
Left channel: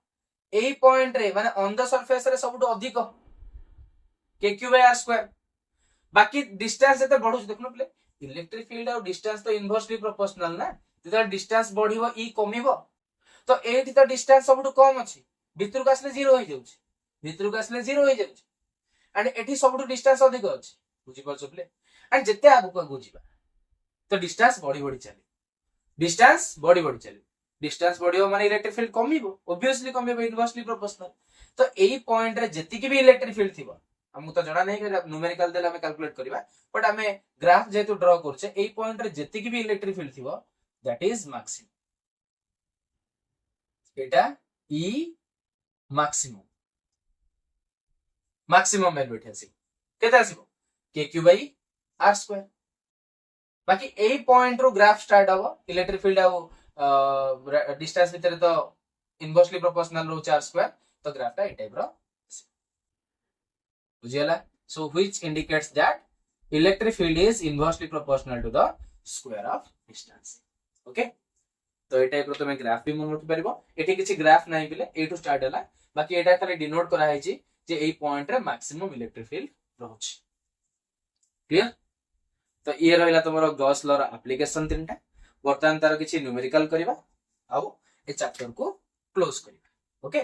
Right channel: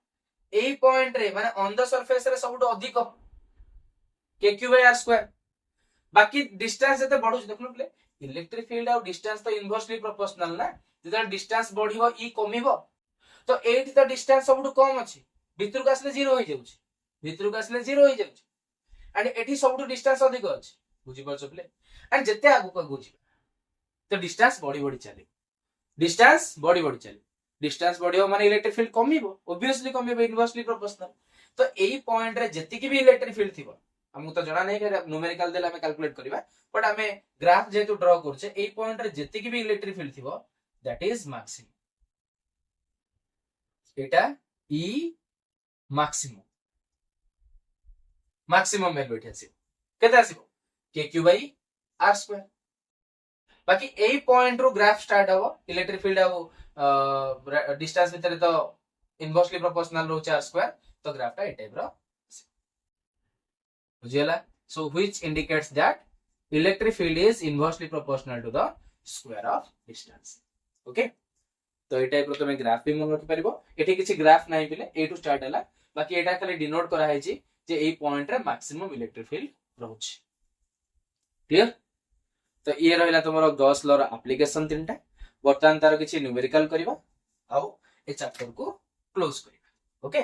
ए पॉइंट रे माने ऑन द सरफेस रे सबटो अधिक के क्यू बाय r स्क्वायर बाकी डिस्टेंस एते बढ़ुछ देखनो प्ले इलेक्ट्रिक फील्ड और डिस्टेंस तो इनवर्सली प्रोपोर्शनल ना जदि डिस्टेंस बढ़िबो ई कमिबो तो एठी तो डिस्टेंस सबटो कम अछि भितर को आसले 0 हो जाउछ भितर को आसले 0 हो जाउछ एंड एठी सबटो डिस्टेंस अधिक अछि बुझि परछ प्ले एंड जते आगु को जिबा तो डिस्टेंस बढ़ी बढ़ी चले डिस्टेंस बढ़ी बढ़ी चले डिस्टेंस बढ़ियो माने इलेक्ट्रिक फील्ड कमिबो ऑब्वियसली कमिबो इनवर्सली प्रोपोर्शनल तो एई पॉइंट रे जति भी इलेक्ट्रिक फील्ड थिबो हमु तो जणा नै कि न्यूमेरिकल देला हमें कैलकुलेट करबा बट हमें ग्राफ जेतु ड्रा करछे एई पॉइंट रे जति भी इलेक्ट्रिक फील्ड थिबो दैट इज मैक्सिमम एटा ई मैक्सिमम मैक्सिमम वैल्यू एटा आसी केते आसीबो kq by r स्क्वायर बाकी एई पॉइंट रो ग्राफ स्टार्ट हो इलेक्ट्रिक फील्ड आ डिस्टेंस भितर तो इनवर्सली प्रोपोर्शनल रो r स्क्वायर तो ग्राफ टा ए टाइप रो बुझियला so which indicates that electric field is inversely proportional to the square of distance okay तो ए टाइप रो तमे ग्राफ भी मन रखि परिबो एठी किछि ग्राफ नाही बिले ए टू स्टार्ट हला बाकी एटा खाली डिनोट करा हैछि जे एई पॉइंट रे मैक्सिमम इलेक्ट्रिक फील्ड रहउछि क्लियर तो ये रहिला तमरो गॉस लॉ रो एप्लीकेशन तीनटा वर्तमान तार किछि न्यूमेरिकल करबा आउ ए चैप्टर को क्लोज करबा ओके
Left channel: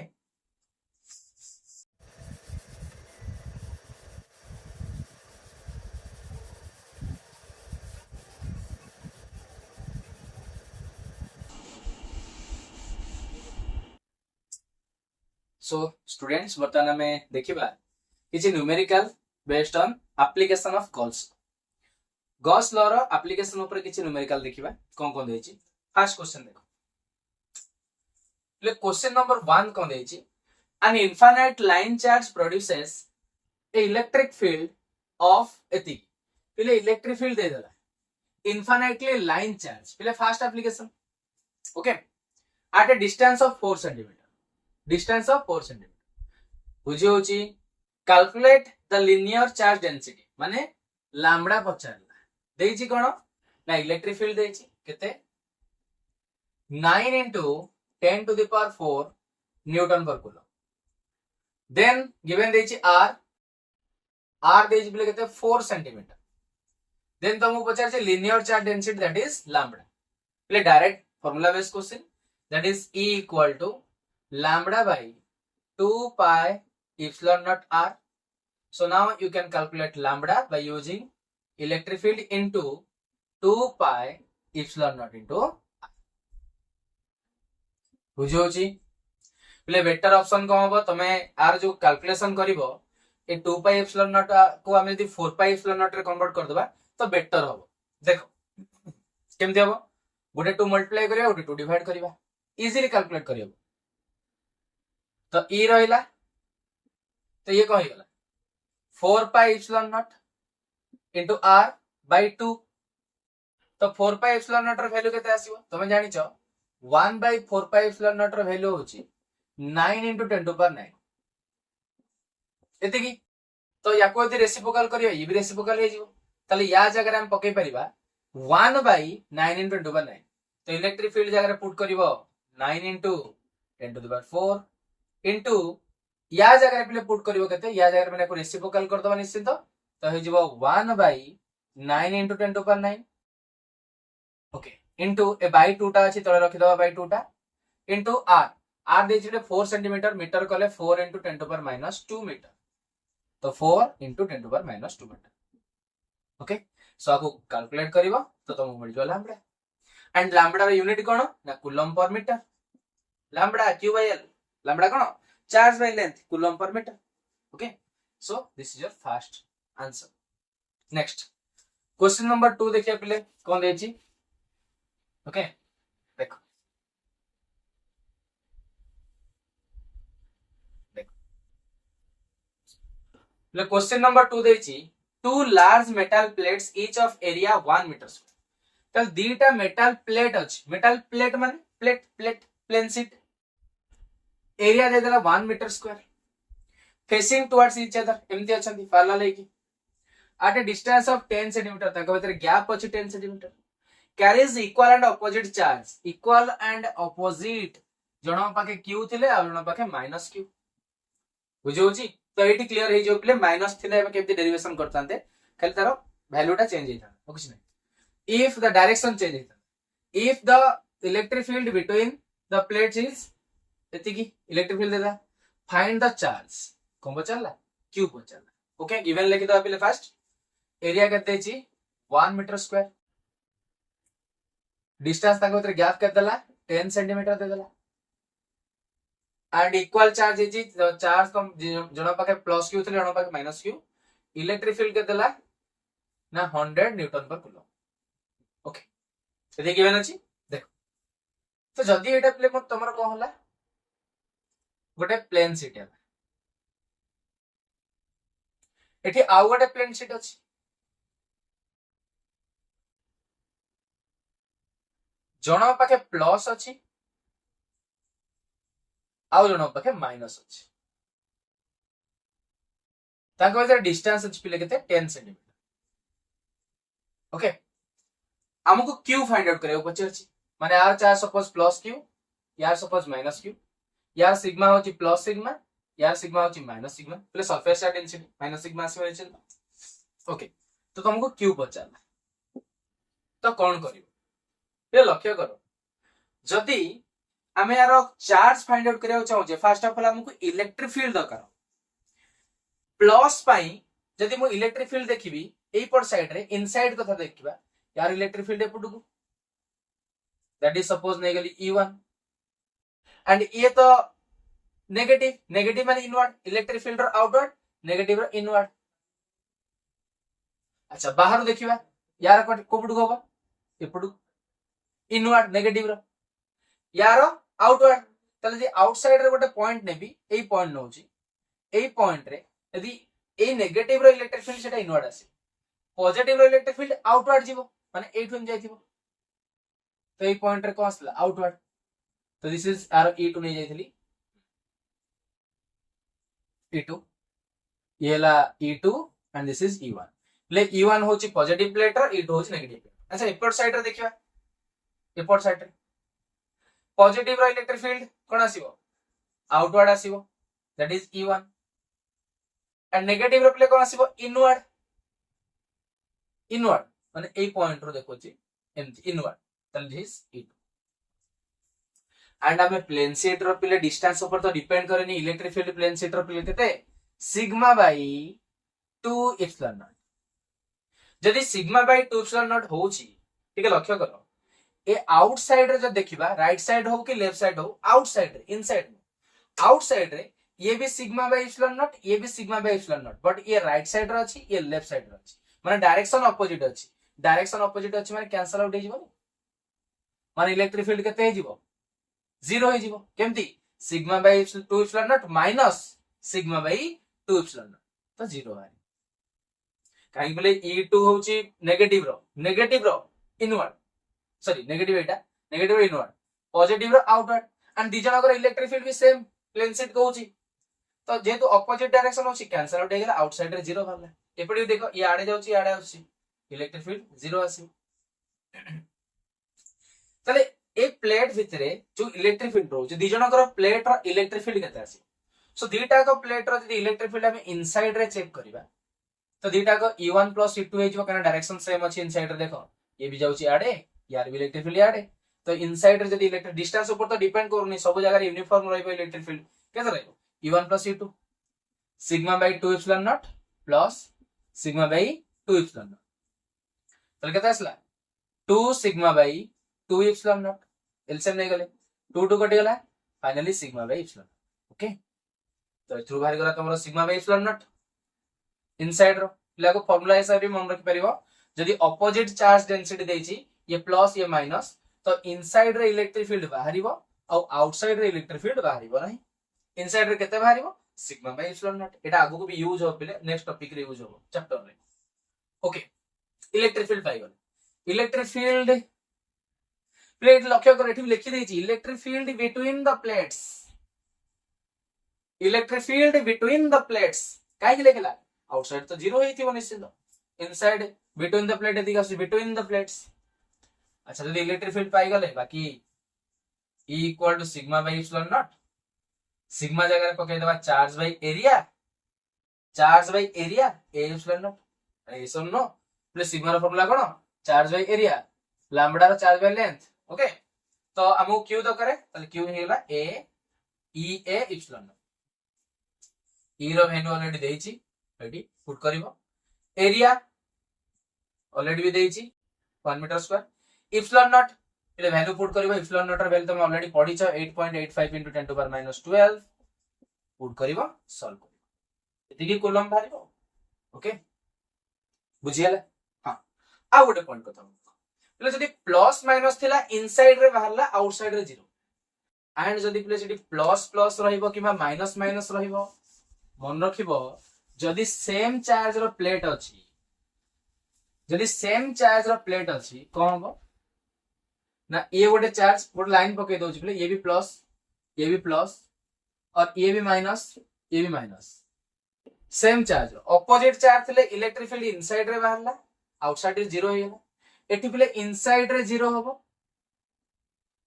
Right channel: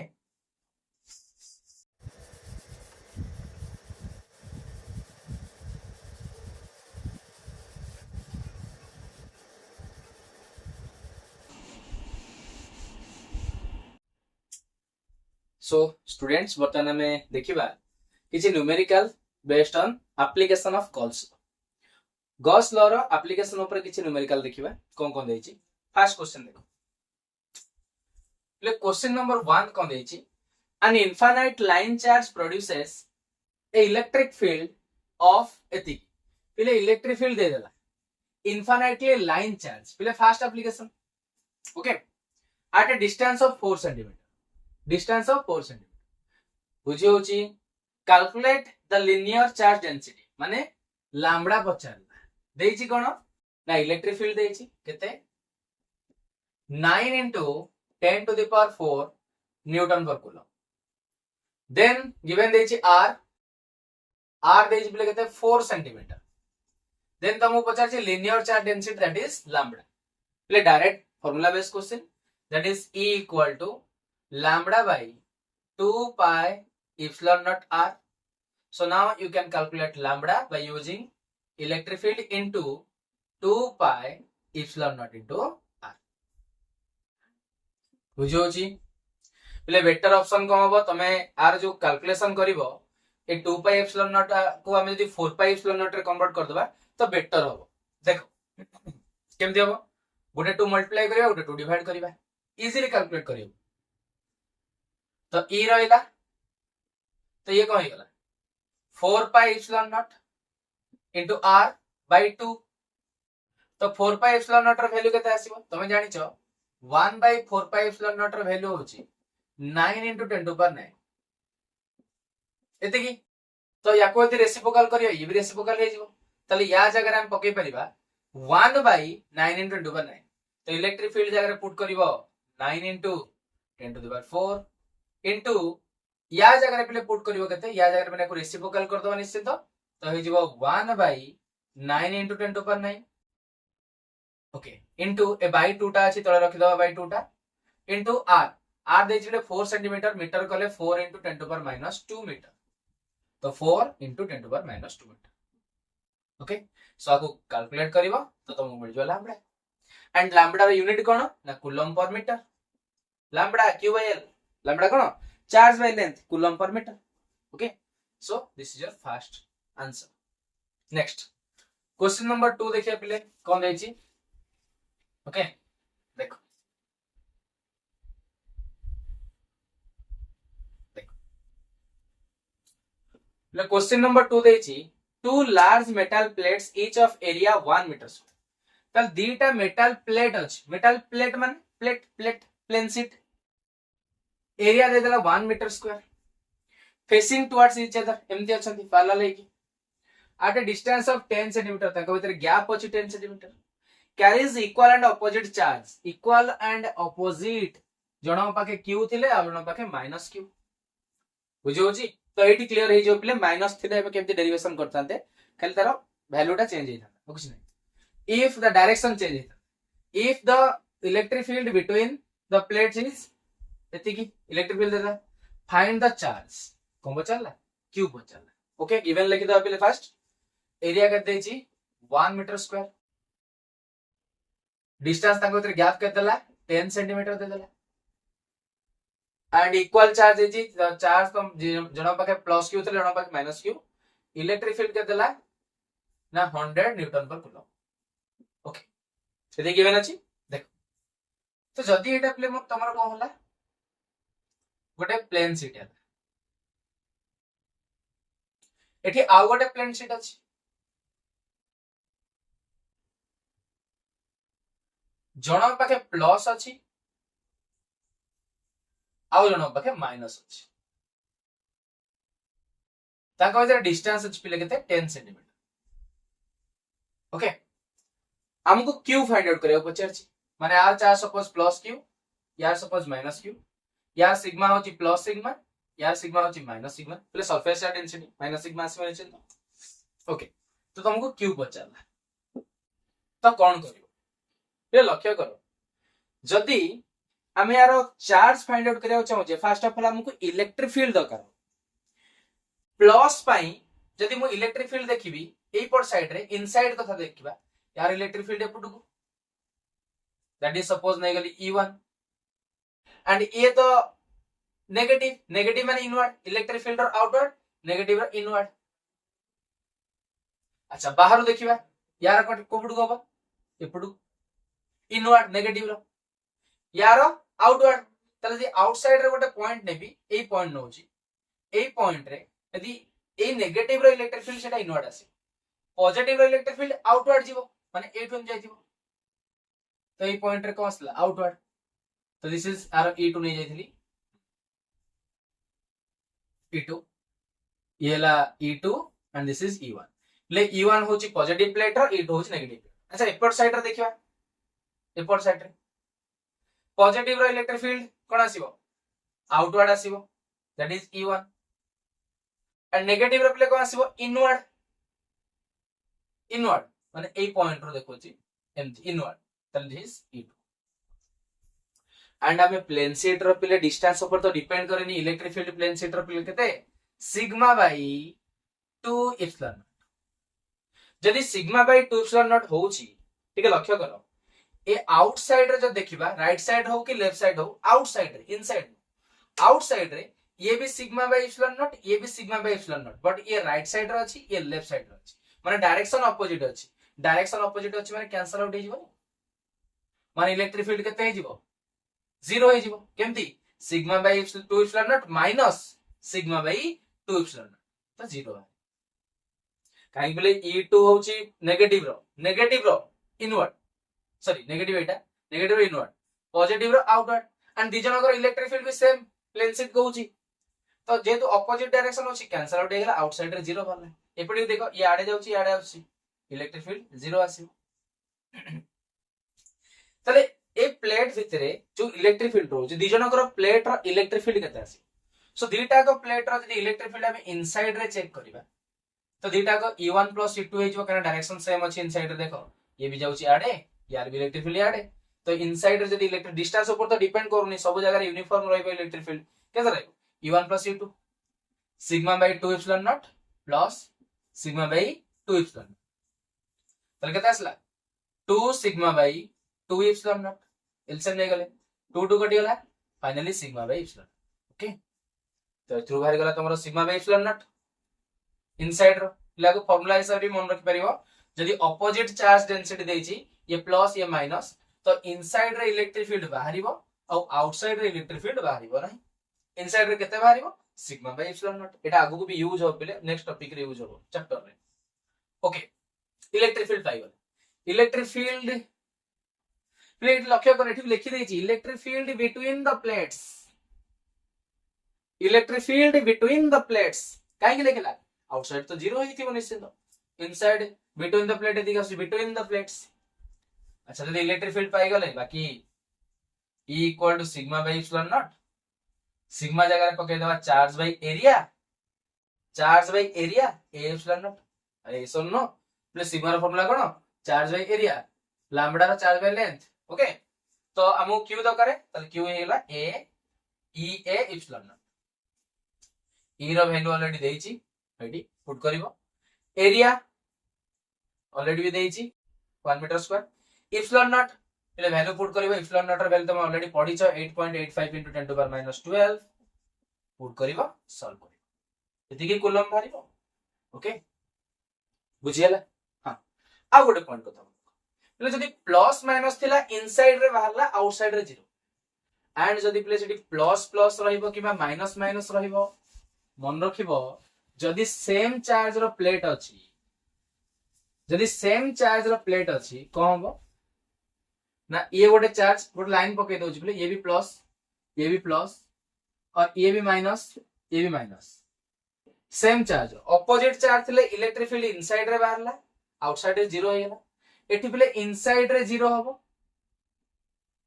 सो स्टूडेंट्स वर्तमान में देखिबा किछि numerical based on application of Gauss law रो एप्लीकेशन ऊपर किछि न्यूमेरिकल देखिबा कोन देछि फर्स्ट क्वेश्चन देखो ले क्वेश्चन नंबर 1 कोन देछि an infinite line charge produces a electric field of एति पहले इलेक्ट्रिक फील्ड दे देला infinitely line charge पहले first application okay at a distance of 4 cm distance of 4 cm बुझी होची calculate the linear charge density माने lambda पचारला देछि कोन ना electric field देछि केते 9 into 10 to the power 4 Newton पर कूलम देन गिवन देछि r देछि बोले केते 4 सेंटीमीटर देन तमु पचार छै linear charge density that is lambda ले direct formula based question that is E equal to lambda by 2 pi epsilon naught r so now you can calculate lambda by using electric field into 2 pi epsilon naught into r बुझो छी पहले better option को होबो तमे are जो calculation करिवो ए 2 pi epsilon naught को हम यदि 4 pi epsilon naught रे कन्वर्ट कर देबा तो बेटर होबो देखो केमति होबो गोटे 2 मल्टीप्लाई करिया गोटे 2 डिवाइड करिवा इजीली कैलकुलेट करियो तो ई रहिला तो ये कहि गला 4 pi epsilon naught into r by 2 तो 4 pi epsilon naught रो वैल्यू केते आसीबो तमे जानि छ 1 by 4 pi epsilon naught row value होची 9 into 10 to power 9 एते की तो याको यदि रेसिप्रोकल करियो ई भी रेसिप्रोकल हे जिवो तले या जगह हम पके परिबा 1 by 9 into 10 to power 9 तो इलेक्ट्रिक फील्ड जगह put करिवो 9 into 10 to the power 4 into या जगह पे पुट करिवो केते या जगह में को रेसिप्रोकल कर दबा निश्चित तो हे जिवो 1 by 9 into 10 to power 9 okay into A by 2 टा अछि तळे रखि दबा by 2 टा into r दे जिले 4 सेंटीमीटर मीटर कले 4 into 10 to power minus 2 metre तो 4 into 10 to power minus 2 metre okay so आको कैलकुलेट करिवो तो तुम मिल जो लैम्बडा एंड लैम्बडा रो यूनिट कोन ना coulomb per metre lambda q by l lambda कोन charge by length coulomb per metre okay so this is your first answer next question number 2 देखिए पहले कोन देछि ओके देखो ले क्वेश्चन नंबर 2 देछि two large metal plates each of area 1 metre तल दीटा metal plate अछि मेटल प्लेट माने प्लेट प्लेन शीट एरिया दे देला 1 metre square facing towards each other एमती अछंती पाला लेकी at a distance of 10 cm तक भीतर गैप अछि 10 cm carries equal and opposite charge equal and opposite जणो Pakke q थिले आ जणो पाके माइनस q बुझो छी तो एटी क्लियर हे जो प्ले माइनस थिले हम केमती डेरिवेशन करतांते खाली तारो वैल्यूटा चेंज हेता कुछ नहीं if the direction change हेता if the electric field between the plates is एति की इलेक्ट्रिक फील्ड देता फाइंड द चार्ज कोन बचला q बचला ओके गिवन लिखि दो पहले फर्स्ट एरिया करते छी 1 मीटर स्क्वायर डिस्टेंस ताको भीतर गैप के देला 10 सेंटीमीटर दे देला and equal charge is charge तो जणो पाके प्लस क्यू थले जणो पाके माइनस क्यू इलेक्ट्रिक फील्ड के देला ना 100 न्यूटन पर कूलम ओके एते गिवन अछि देखो तो जदी एटा प्ले मोर तमर को होला गोटे प्लेन शीट है एठी आउ गोटे प्लेन शीट अछि जणो पाके प्लस अछि आउ जणो पाके माइनस अछि ताको भीतर डिस्टेंस अछि पिले केते 10 सेंटीमीटर ओके हमको क्यू फाइंड आउट करियो पचर छी माने यार चार्ज सपोज प्लस क्यू यार सपोज माइनस क्यू यार सिग्मा होची प्लस सिग्मा यार सिग्मा होची minus sigma plus surface charge density minus sigma आसी माने चिन्ह ओके तो तुमको क्यू पचारला तो कोन करियो ये लक्ष्य करो जदी हमें यार चार्ज फाइंड आउट करियो चाहू जे फर्स्ट ऑफ ऑल हमको इलेक्ट्रिक फील्ड दरकार प्लस पाई जदी मो इलेक्ट्रिक फील्ड देखिबी एई पर साइड रे इनसाइड कथा देखिबा यार इलेक्ट्रिक फील्ड एपुटू को दैट इज सपोज नै गली E1 एंड ये तो नेगेटिव नेगेटिव माने इनवर्ड इलेक्ट्रिक फील्ड और आउटवर्ड नेगेटिव और इनवर्ड अच्छा बाहर देखिबा यार कोपुटू को बा एपुटू इनवर्ड नेगेटिव रो यार आउटवर्ड तले जे आउटसाइड रे गोटे पॉइंट नेबी एई पॉइंट नोची एई पॉइंट रे यदि ए नेगेटिव रो इलेक्ट्रिक फील्ड सेटा इनवर्ड आसे पॉजिटिव रो इलेक्ट्रिक फील्ड आउटवर्ड जीवो माने एठुन जाइथिबो तो ए पॉइंट रे को आसला आउटवर्ड तो दिस इज आर E2 नहीं जाइथली E2 ये ला E2 and this is E1 ले E1 होची पॉजिटिव प्लेट और E2 होची नेगेटिव प्लेट अच्छा एपोर्ट साइड रे देखिया एपोर्ट साइड रे पॉजिटिव रो इलेक्ट्रिक फील्ड कोन आसीबो आउटवर्ड आसीबो that is E1 and negative रो प्ले को आसीबो इनवर्ड इनवर्ड माने ए पॉइंट रो देखोची एमती इनवर्ड तल दिस E2 एंड हमें प्लेन शीट रो पिले डिस्टेंस ऊपर तो डिपेंड करेनी इलेक्ट्रिक फील्ड प्लेन शीट रो पिले केते सिग्मा बाय 2 एप्सिलॉन नॉट जदी सिग्मा बाय 2 एप्सिलॉन नॉट होची ठीक है लक्ष्य करो ए आउटसाइड रे जो देखिबा राइट साइड हो कि लेफ्ट साइड हो आउटसाइड रे इनसाइड आउटसाइड रे ये भी सिग्मा बाय एप्सिलॉन नॉट ये भी sigma by epsilon not but ये राइट साइड रे अछि ये लेफ्ट साइड रे अछि माने डायरेक्शन ऑपोजिट अछि माने कैंसल आउट हे जिवो माने इलेक्ट्रिक फील्ड केते हे जिवो जीरो हे जिवो केमती sigma by 2 epsilon naught minus sigma by 2 epsilon naught तो जीरो है काहे बोले E2 होची नेगेटिव रो inward sorry negative inward positive रो आउटवर्ड एंड दी जणकर इलेक्ट्रिक फील्ड भी सेम प्लेन शीट कहूची तो जेतु ऑपोजिट डायरेक्शन होची कैंसल आउट हे गेला आउटसाइड रे जीरो भरले एपडी देखो ये आडे जाउची आडे आउची इलेक्ट्रिक फील्ड जीरो आसी तले ए प्लेट भितरे जो इलेक्ट्रिक फील्ड रो दी जणकर प्लेट रो इलेक्ट्रिक फील्ड केते आसी सो दीटा को प्लेट रो जदी इलेक्ट्रिक फील्ड हम इनसाइड रे चेक करबा तो दीटा को E1 + E2 हे जिवो कने डायरेक्शन सेम अछि इनसाइड रे देखो ये भी जाउची आडे यार भी इलेक्ट्रिक फील्ड आडे तो इनसाइड रे जदी इलेक्ट्रिक डिस्टेंस ऊपर तो डिपेंड करूनी सब जगह यूनिफॉर्म रहबे इलेक्ट्रिक फील्ड केते रहबो E1 + E2 sigma by 2 epsilon naught plus sigma by 2 epsilon naught तले केते आसला 2 sigma by 2 epsilon naught LCM नै गले 2 2 कटि गला finally sigma by epsilon okay तो थ्रू बाहर गला तमरो sigma by epsilon naught inside रो लागो फार्मूला हिसाब रे मन रखि परिबो जदी ऑपोजिट चार्ज डेंसिटी देछि ये प्लस ये माइनस तो इनसाइड रे इलेक्ट्रिक फील्ड बाहरिबो और आउटसाइड रे इलेक्ट्रिक फील्ड बाहरिबो नाही इनसाइड रे केते बाहरिबो सिग्मा बाय एप्सिलॉन नॉट एटा आगु को भी यूज हो पिले नेक्स्ट टॉपिक रे यूज हो चैप्टर रे ओके इलेक्ट्रिक फील्ड पाइगल इलेक्ट्रिक फील्ड प्लेट लक्ष्य कर एठी लिखि देछि electric field between the plates electric field between the plates काहे कि लिखला आउटसाइड तो जीरो ही थी निश्चित इनसाइड बिटवीन द प्लेट एदिका बिटवीन द प्लेट्स अच्छा जदी इलेक्ट्रिक फील्ड पाई गले बाकी E = sigma by epsilon naught sigma जगह पके देबा चार्ज बाय एरिया ए एप्सिलॉन नॉट अरे सुननो प्लस सिग्मा रो फार्मूला कोन चार्ज बाय एरिया लैम्बडा रो चार्ज बाय लेंथ ओके तो हमु क्यू तो करे तले क्यू हेला ए E A epsilon naught E रो वैल्यू ऑलरेडी देइची एडी पुट करिवो एरिया ऑलरेडी भी देइची 1 मीटर स्क्वायर एप्सिलॉन नॉट એટલે વેલ્યુ પુટ કરીବ એપ્સિલન નોટ ର વેલ્યુ તમે ઓલરેડી પઢીଛ 8.85 into 10 to the power minus 12 put કરીବ સોલ્વ કરીବ એତିକି કુલમ ବାହାରିବ ଓକେ ବୁଝିହେଲା ହଁ ଆଉ ଗୋଟେ ପଏଣ୍ଟ କଥା એટલે ଯଦି પ્લસ માઇનસ થિલા ઇનસાઇડ રે ବାହାરଲା આઉટસાઇડ રે 0 एंड जदि प्ले सेठी प्लस प्लस रहिबो किबा माइनस माइनस रहिबो मन रखिबो जदि सेम चार्ज रो प्लेट अछि जदि सेम चार्ज रो प्लेट अछि कोन हबो ना ये गोटे चार्ज गोटे लाइन पके दोछि प्ले ये भी प्लस और ये भी minus same charge opposite charge थिले इलेक्ट्रिक फील्ड इनसाइड रे बाहरला आउटसाइड रे 0 हेला एठी प्ले इनसाइड रे 0 हबो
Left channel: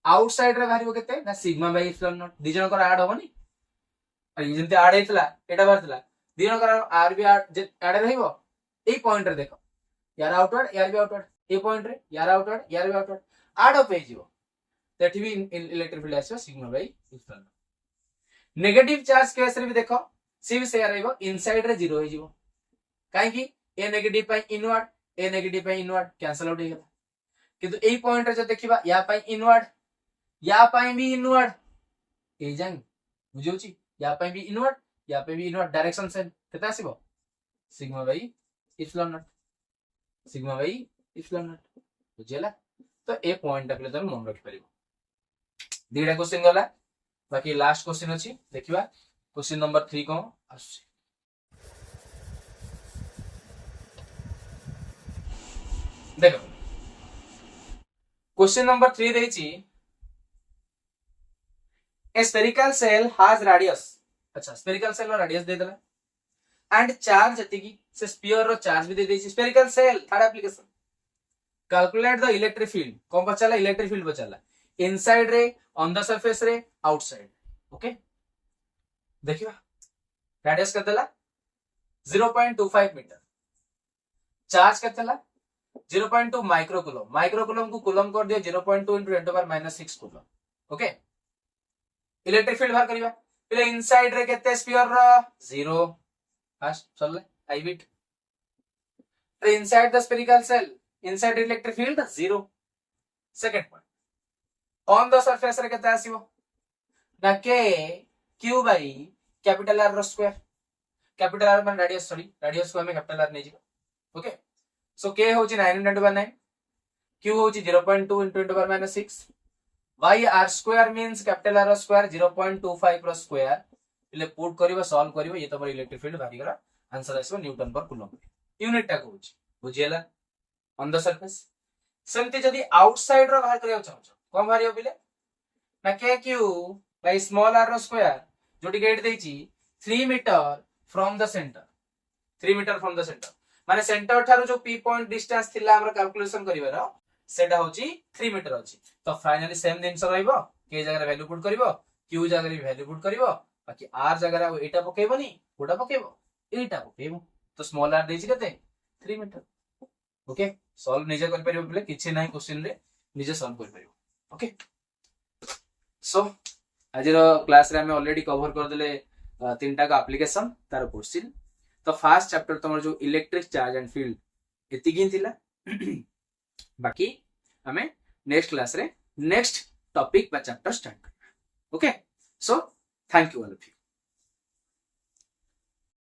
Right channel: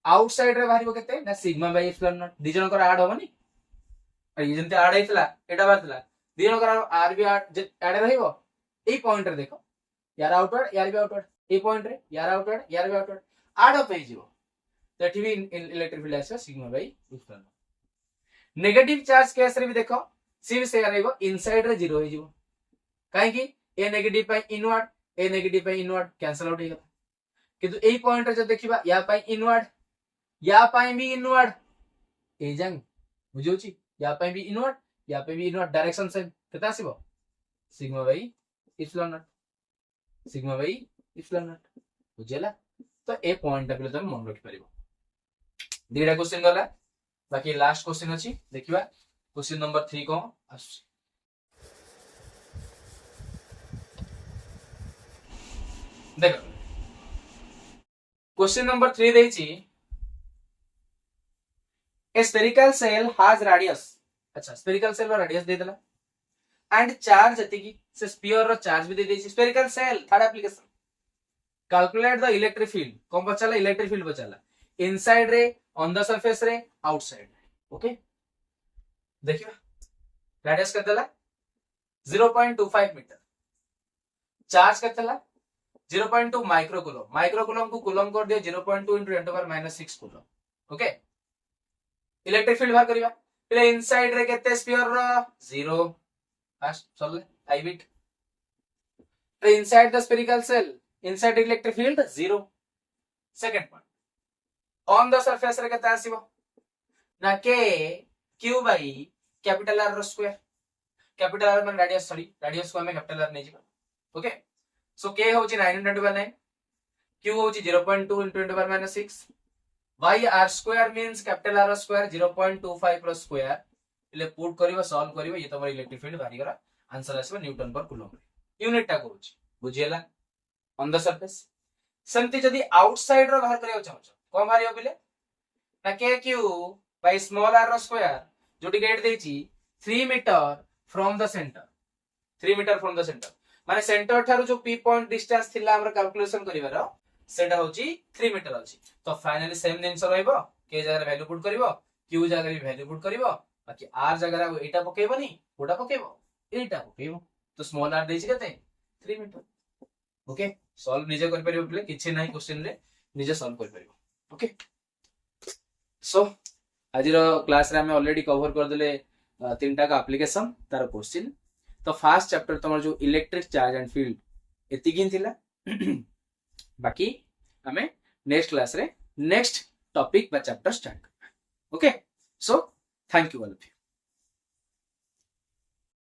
आउटसाइड रे बाहरिबो केते ना sigma by epsilon not the जन कर ऐड होबनी आ ये जंते ऐड हेतला एटा बारतला दी जन कर आर बी ऐड रहिबो ए पॉइंट रे देखो यार आउटवर्ड यार भी आउटवर्ड ए पॉइंट रे यार आउटवर्ड यार भी आउटवर्ड ऐड अप हे जीवो तेठी भी इलेक्ट्रिक फील्ड आछो sigma by epsilon naught negative charge case रे भी देखो सी भी से रहइबो इनसाइड रे 0 हे जीवो काहे कि ए नेगेटिव पाई इनवर्ड कैंसिल आउट हे गेला किंतु ए पॉइंट रे जो देखिबा या पाई इनवर्ड या पाई भी इनवर्ड ए जांग बुझौची या पाई भी इनवर्ड डायरेक्शन सेम केता आसीबो सिग्मा बाय एप्सिलन नॉट बुझेला तो ए पॉइंट पे तुम मन रखि परिबो दीडा क्वेश्चन गला बाकी लास्ट क्वेश्चन अछि देखिबा क्वेश्चन नंबर 3 को आसी देखो क्वेश्चन नंबर 3 देछि A spherical cell has radius अच्छा spherical cell रो radius दे देला and charge जतिकी से sphere रो charge भी दे देछि spherical cell third application calculate the electric field कौन बचाला electric field बचाला inside रे on the surface रे outside ओके देखिबा radius कर देला 0.25 मीटर चार्ज कर देला 0.2 माइक्रोकूलम को कूलम कर दियो 0.2 into 10 to the power minus 6 coulomb okay electric field बाहर करिया पहिले इनसाइड रे केते स्फीयर रो 0 फास्ट चलले आई बिट inside the spherical shell inside electric field 0 second point on the surface रे केते आसीबो ना के क्यू बाई कैपिटल आर रो स्क्वायर कैपिटल आर में रेडियस को हमें कैपिटल आर नै जिबो ओके सो के होची 9.9 क्यू होची 0.2 into 10 to the power minus 6 y r square means capital R square 0.25 plus square એટલે પુટ કરીવો સોલ્વ કરીવો ये તમારો ઇલેક્ટ્રિક ફીલ્ડ બારી ગરા આન્સર આસબો ન્यूटन पर કુલમ यूनिट टा કહુଛି बुझियला ऑन द सरफेस सेमति जदी आउटसाइड रो बाहर करियो चाहौ कोन बाहरियो बिले ना के क्यू बाय स्मॉल r रो स्क्वायर जोटी गेट देछि 3 मीटर फ्रॉम द सेंटर माने सेंटर थारो जो p पॉइंट डिस्टेंस थिला हमरा कैलकुलेशन करिवारो सेटा होची 3 मीटर अछि तो फाइनली सेम जिंस रहइबो के जगह वैल्यू पुट करिवो क्यू जगह भी वैल्यू पुट करिवो बाकी आर जगह एटा पकेबोनी कोटा पकेबो एटा पकेबो तो स्मॉल आर देछि केते 3 मीटर ओके सॉल्व निजे कर परिबो बोले किछि नाही क्वेश्चन रे निजे सॉल्व कर परिबो ओके सो आजिर क्लास रे हमें ऑलरेडी कवर कर देले तीनटा का एप्लीकेशन तार क्वेश्चन तो फर्स्ट चैप्टर तमर जो इलेक्ट्रिक चार्ज एंड फील्ड एतिकिन थिला बाकी हमें नेक्स्ट क्लास रे नेक्स्ट टॉपिक बा चैप्टर स्टार्ट करबा okay so thank you all of you.